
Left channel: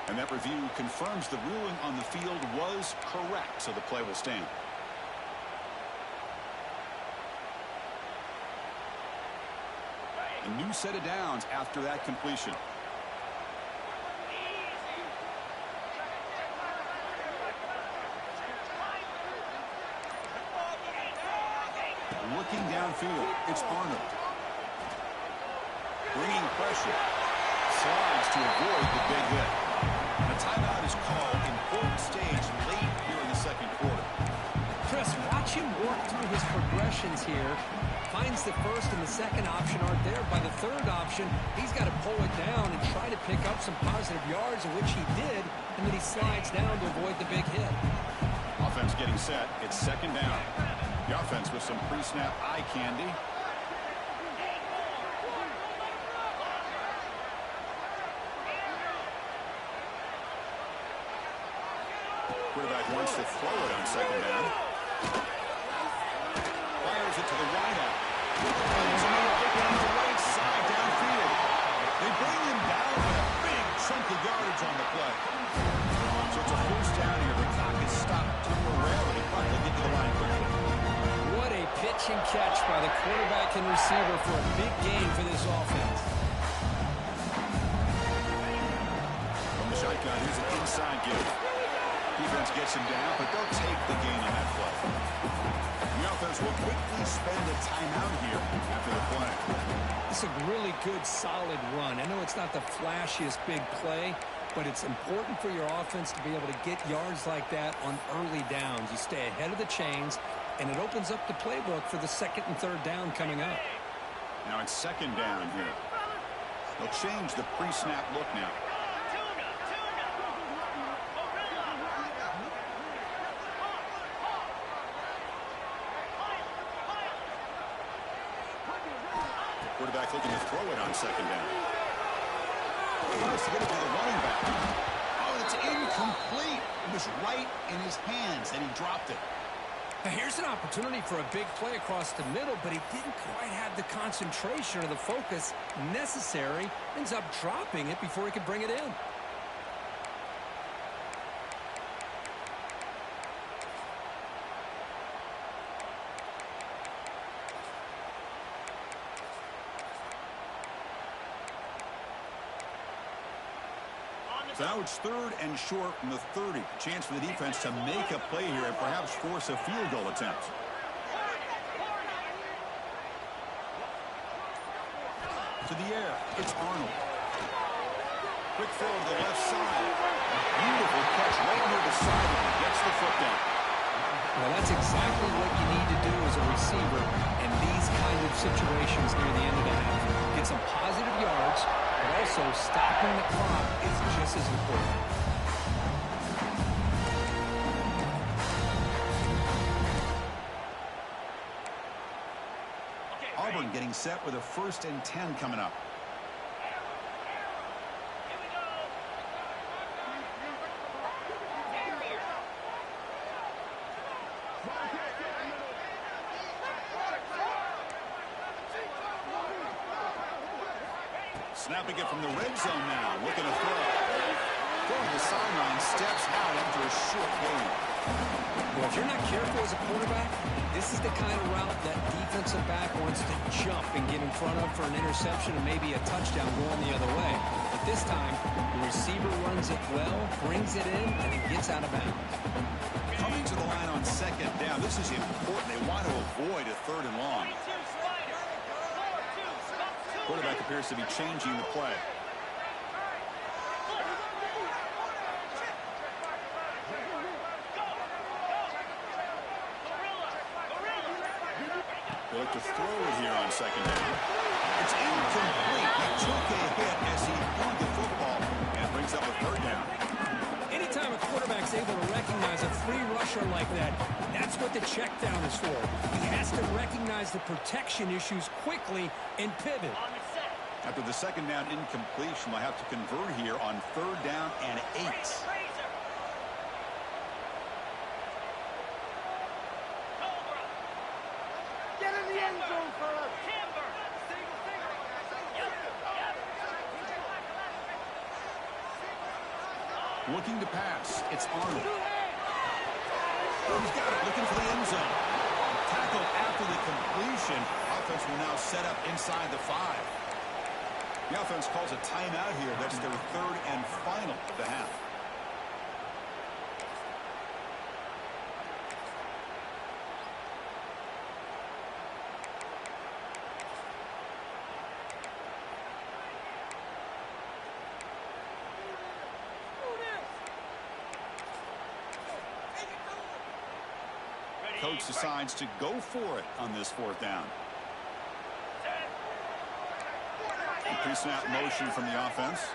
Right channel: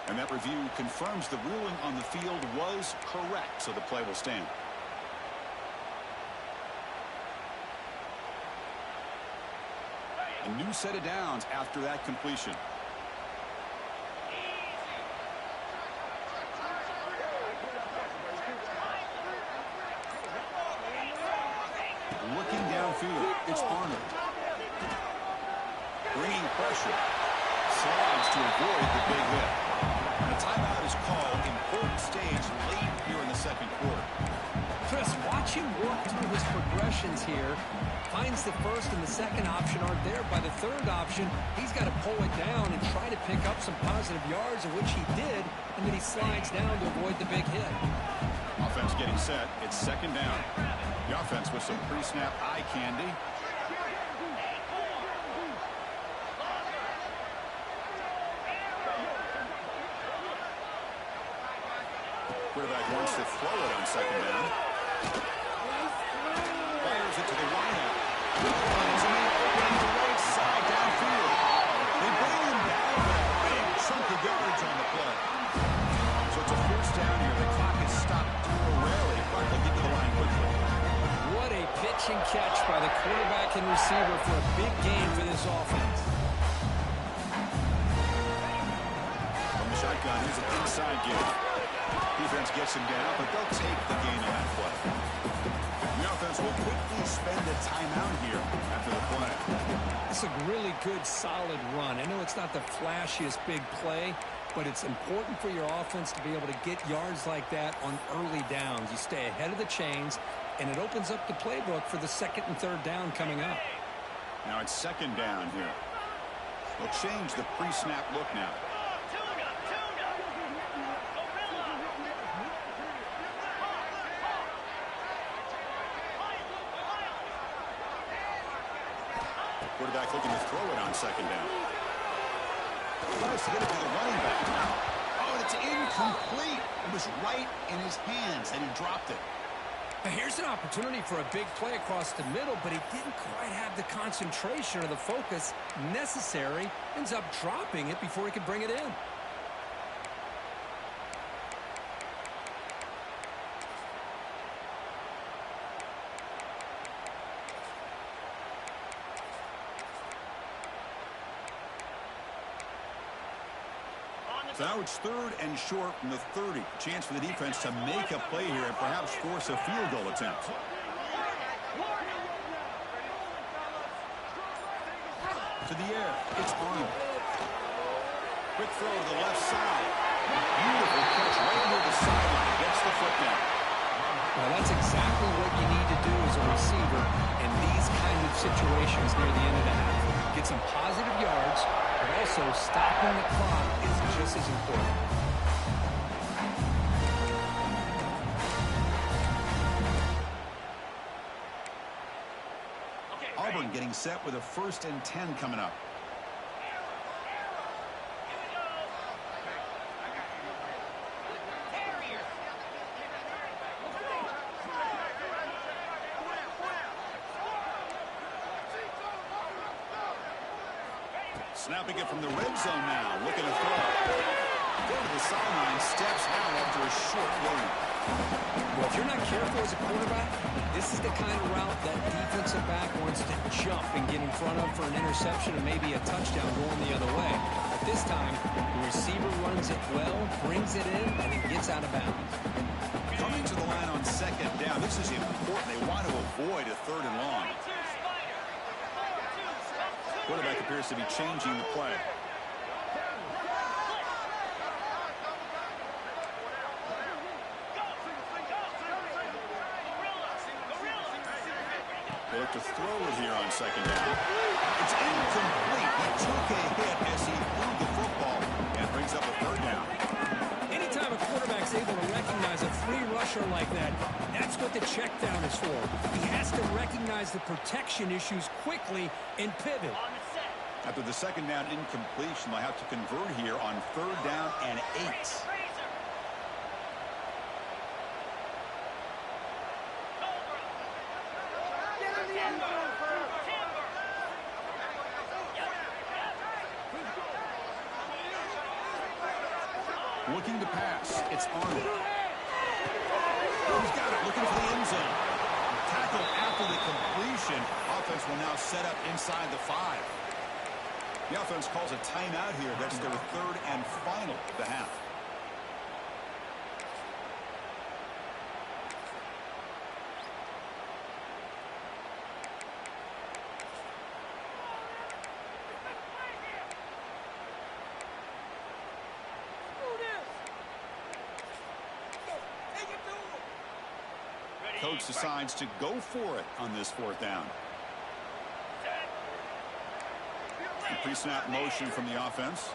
And that review confirms the ruling on the field was correct, so the play will stand. A new set of downs after that completion. Looking downfield, it's Arnold. Bringing pressure. Slides to avoid the big hit. And a timeout is called. Important stage late here in the second quarter. Chris, watch him work through his progressions here. Finds the first and the second option aren't there. By the third option, he's got to pull it down and try to pick up some positive yards, of which he did, and then he slides down to avoid the big hit. Offense getting set. It's second down. The offense with some pre-snap eye candy. Quarterback wants to throw it on second down. Fires it to the wideout. Finds a man open on the right side downfield. They bring him down with a big chunk of yards on the play. So it's a first down here. The clock is stopped temporarily, but they'll get to the line quickly. What a pitch and catch by the quarterback and receiver for a big gain for this offense. From the shotgun, here's an inside give. Defense gets him down, but they'll take the gain on that play. The offense will quickly spend a timeout here after the play. It's a really good, solid run. I know it's not the flashiest big play, but it's important for your offense to be able to get yards like that on early downs. You stay ahead of the chains, and it opens up the playbook for the second and third down coming up. Now it's second down here. They'll change the pre-snap look now. Quarterback looking to throw it on second down. He tries to get it to the running back. Oh, it's incomplete. It was right in his hands, and he dropped it. Now here's an opportunity for a big play across the middle, but he didn't quite have the concentration or the focus necessary. Ends up dropping it before he could bring it in. So now it's third and short from the 30. Chance for the defense to make a play here and perhaps force a field goal attempt. To the air, it's Arnold. Quick throw to the left side. Beautiful catch right near the sideline. Gets the foot down. Well, that's exactly what you need to do as a receiver in these kind of situations near the end of the half. Get some positive yards, but also stopping the clock is just as important. Auburn getting set with a 1st and 10 coming up. Snapping it from the red zone now, looking to throw. Throw to the sideline, steps out after a short gain. Well, if you're not careful as a quarterback, this is the kind of route that defensive back wants to jump and get in front of for an interception and maybe a touchdown going the other way. But this time, the receiver runs it well, brings it in, and then gets out of bounds. Coming to the line on second down, this is important. They want to avoid a third and long. Quarterback appears to be changing the play. They look to throw it here on second down. It's incomplete. He took a hit as he threw the football and brings up a third down. Anytime a quarterback's able to recognize a free rusher like that, that's what the check down is for. He has to recognize the protection issues quickly and pivot. After the second down incompletion, they'll have to convert here on third down and 8. Looking to pass. It's Arnold. He's got it. Looking for the end zone. Tackle after the completion. Offense will now set up inside the 5. The offense calls a timeout here. That's their third and final of the half. Coach decides to go for it on this fourth down. Pre-snap motion from the offense.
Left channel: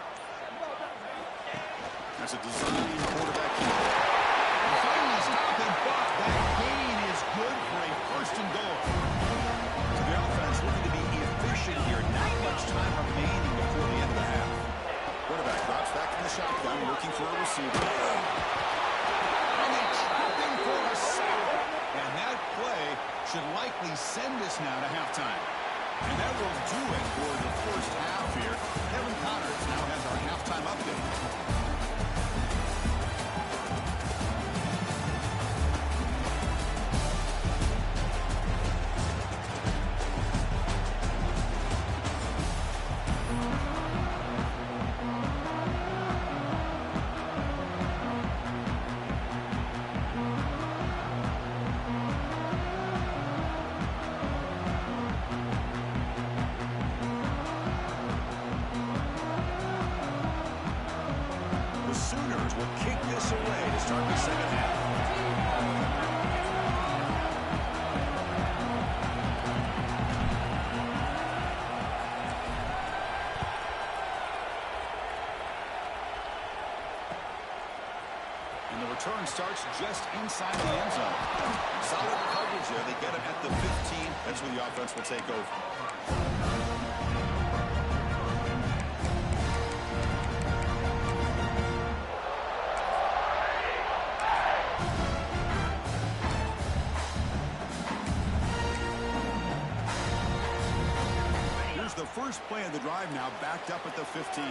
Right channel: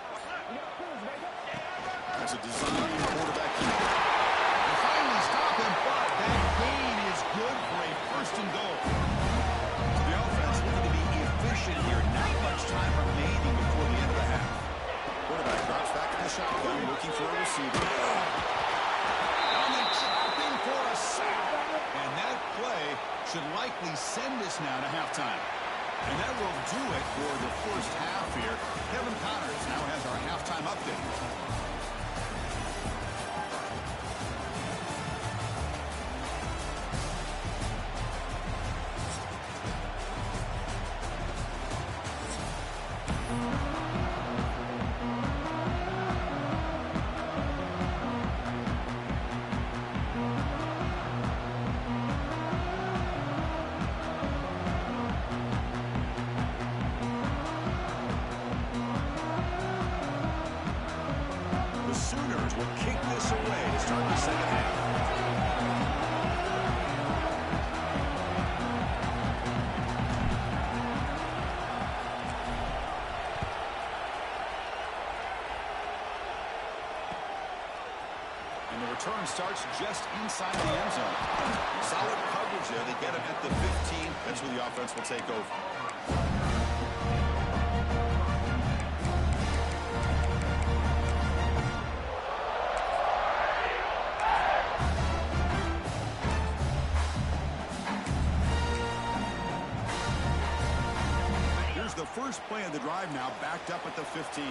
That's a design quarterback keeper. And finally stop him, but that gain is good for a first and goal. So the offense looking to be efficient here. Not much time remaining before the end of the half. Quarterback drops back in the shotgun, looking for a receiver. And they trap him for a sack. And that play should likely send us now to halftime. And that will do it for the first half here. Kevin Connors now has our halftime update. Return starts just inside the end zone. Solid coverage there. They get him at the 15. That's where the offense will take over. Here's the first play of the drive now, backed up at the 15.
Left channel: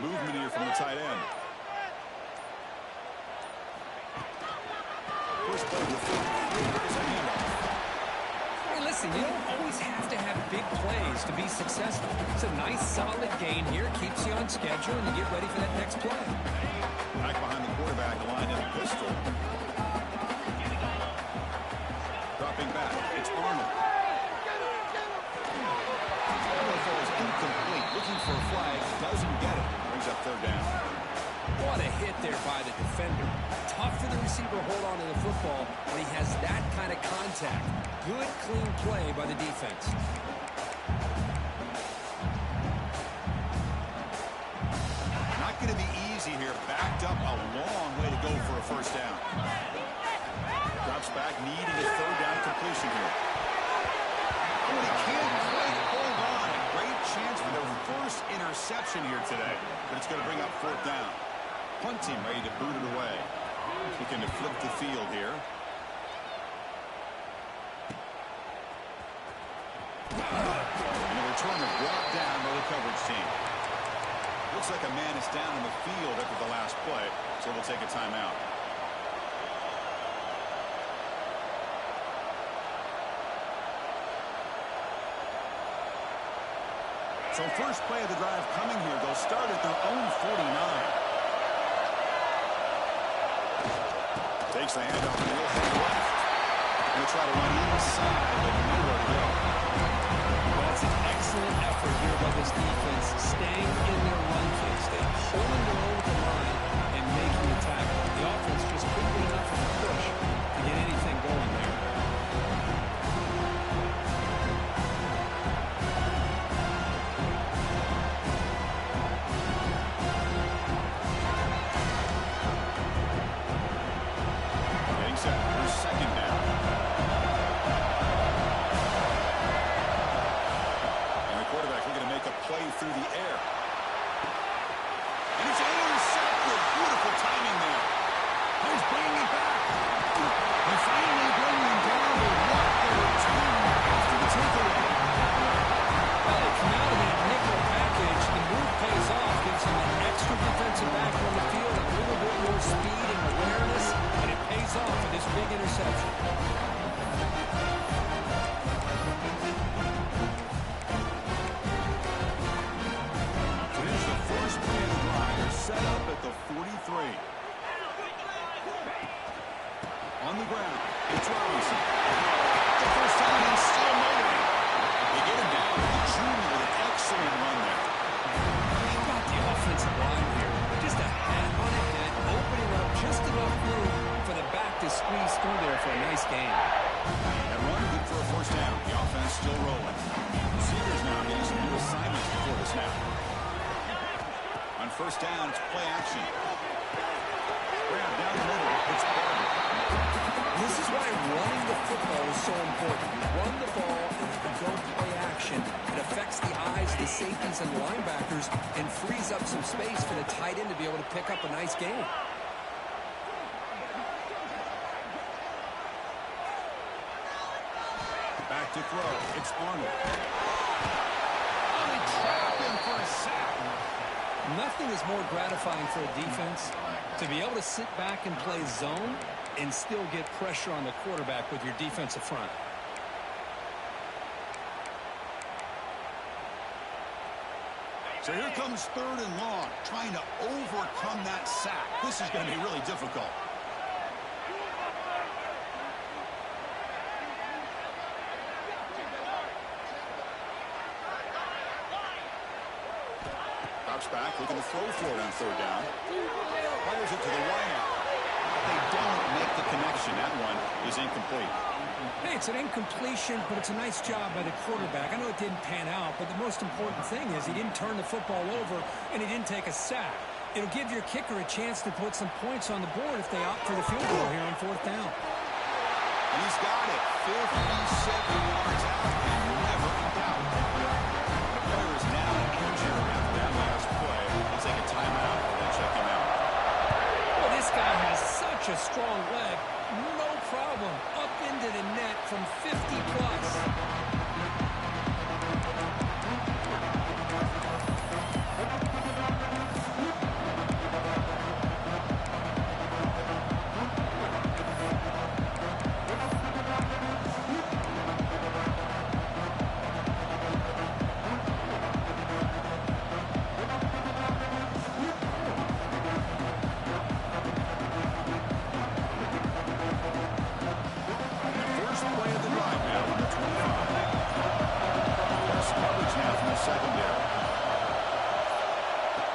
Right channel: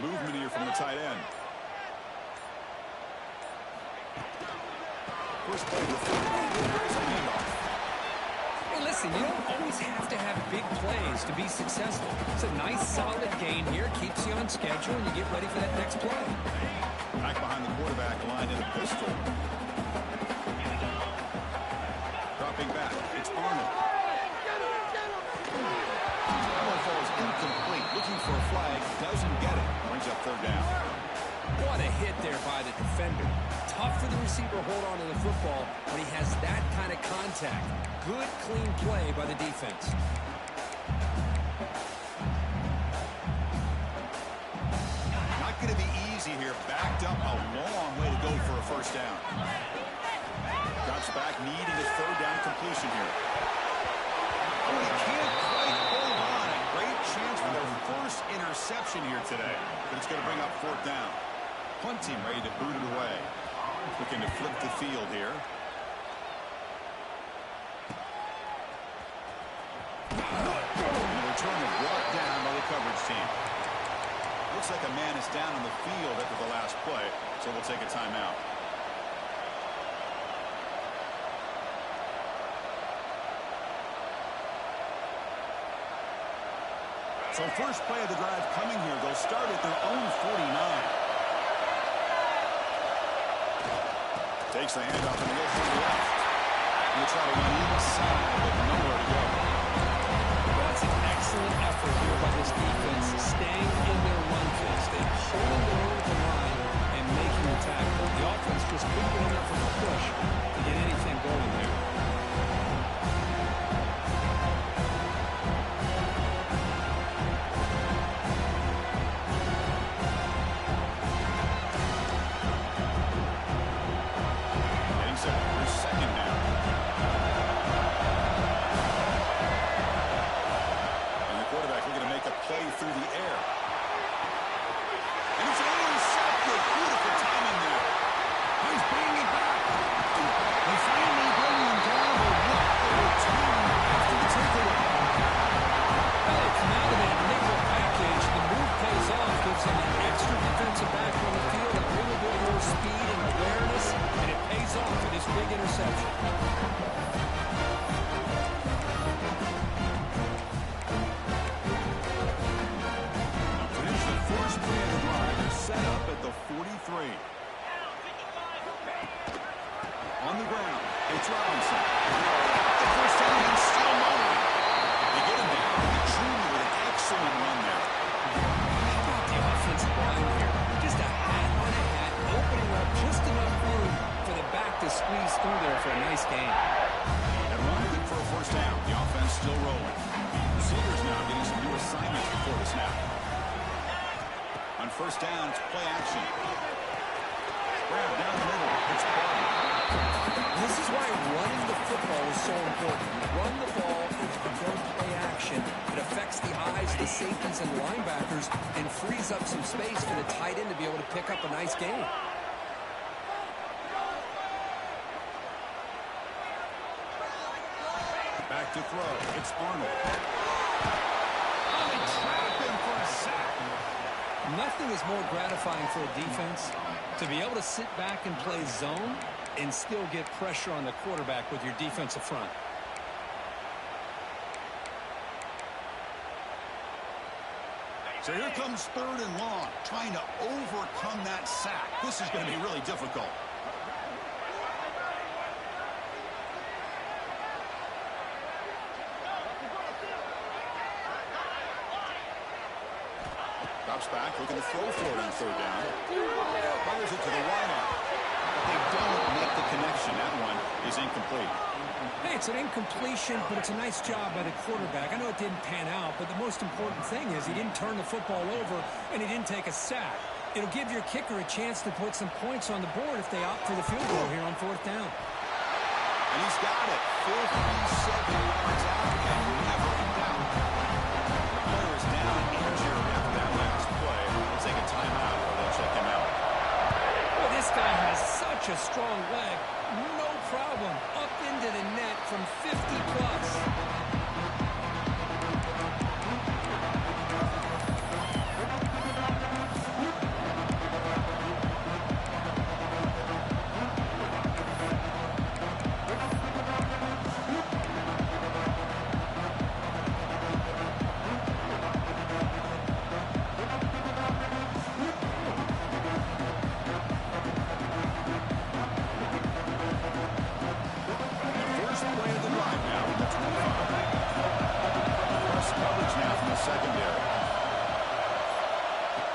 Movement here from the tight end. First play of the fourth. Here's a handoff. Hey, listen, you don't always have to have big plays to be successful. It's a nice, solid gain here. Keeps you on schedule, and you get ready for that next play. Back behind the quarterback, line in a pistol. Dropping back. It's Arnold. That one falls incomplete. Looking for a flag. Doesn't get it. Brings up third down. What a hit there by the defender. Tough for the receiver to hold on to the football when he has that kind of contact. Good, clean play by the defense. Not going to be easy here. Backed up a long way to go for a first down. Drops back, needing a third down completion here. Oh, he can't quite hold on. A great chance for their first interception here today. But it's going to bring up fourth down. Punt team ready to boot it away. Looking to flip the field here. And the return is brought down by the coverage team. Looks like a man is down in the field after the last play, so we'll take a timeout. So first play of the drive coming here. They'll start at their own 49. Takes the handoff and he'll head left. He'll try to run inside, but nowhere to go. That's an excellent effort here by this defense, staying in their run phase. They're holding their own at the line and making the tackle. The offense just couldn't get enough of a push to get anything going there. Second down. And the quarterback looking to make a play through the air. And it's intercepted. Beautiful timing there. He's bringing it back. They finally bring him down, but what a return after the takeaway. Well, they come out of that nickel package. The move pays off, gives him an extra defensive back on the field, a little bit more speed and awareness, and it pays off for this big interception. Finish the first play of the drive. They're set up at the 43. On the ground, it's Robinson. The first time and still motoring. They get him down. The junior with an excellent run there. How about the offensive line here? Just a hat on a hat, opening up just enough room for the back to squeeze through there for a nice gain. That run good for a first down. The offense still rolling. Receivers now getting some new assignments before the snap. On first down, it's play action. Grab down the middle. It's Auburn. This is why running the football is so important. You run the ball and you go play action. It affects the eyes of the safeties and linebackers and frees up some space for the tight end to be able to pick up a nice gain. Back to throw. It's Arnold. Oh, they trap him for a sack. Nothing is more gratifying for a defense to be able to sit back and play zone and still get pressure on the quarterback with your defensive front. So here comes third and long, trying to overcome that sack. This is going to be really difficult. Drops back, looking to throw for it on third down. Fires it to the wideout. But they don't make the connection. That one is incomplete. Hey, it's an incompletion, but it's a nice job by the quarterback. I know it didn't pan out, but the most important thing is he didn't turn the football over and he didn't take a sack. It'll give your kicker a chance to put some points on the board if they opt for the field goal here on fourth down. And he's got it. 57 yards out and never in doubt. The player is down injured after that last play. We'll take a timeout or they'll check him out. Well, this guy has such a strong leg. No problem. Up into the net from 50 plus. Secondary.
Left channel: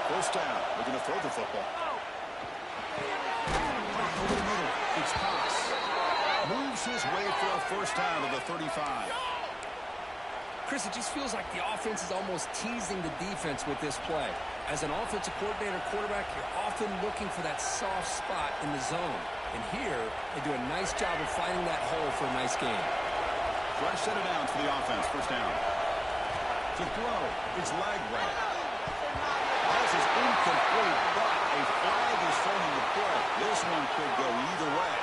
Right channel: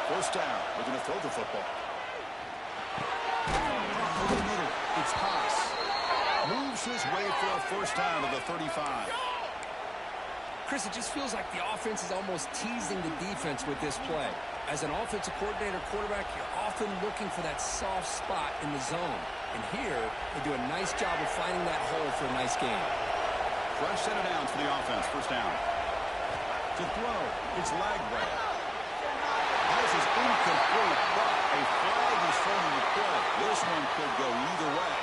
First down. Looking to throw the football. Over the middle. It's Haas. Moves his way for a first down to the 35. Chris, it just feels like the offense is almost teasing the defense with this play. As an offensive coordinator quarterback, you're often looking for that soft spot in the zone. And here, they do a nice job of finding that hole for a nice gain. Fresh set of downs for the offense. First down. To throw, it's Lagway. This is incomplete, but a flag is thrown in the play. This one could go either way.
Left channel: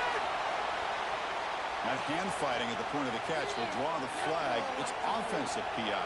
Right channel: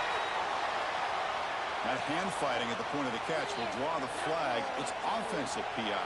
That hand fighting at the point of the catch will draw the flag. It's offensive PI.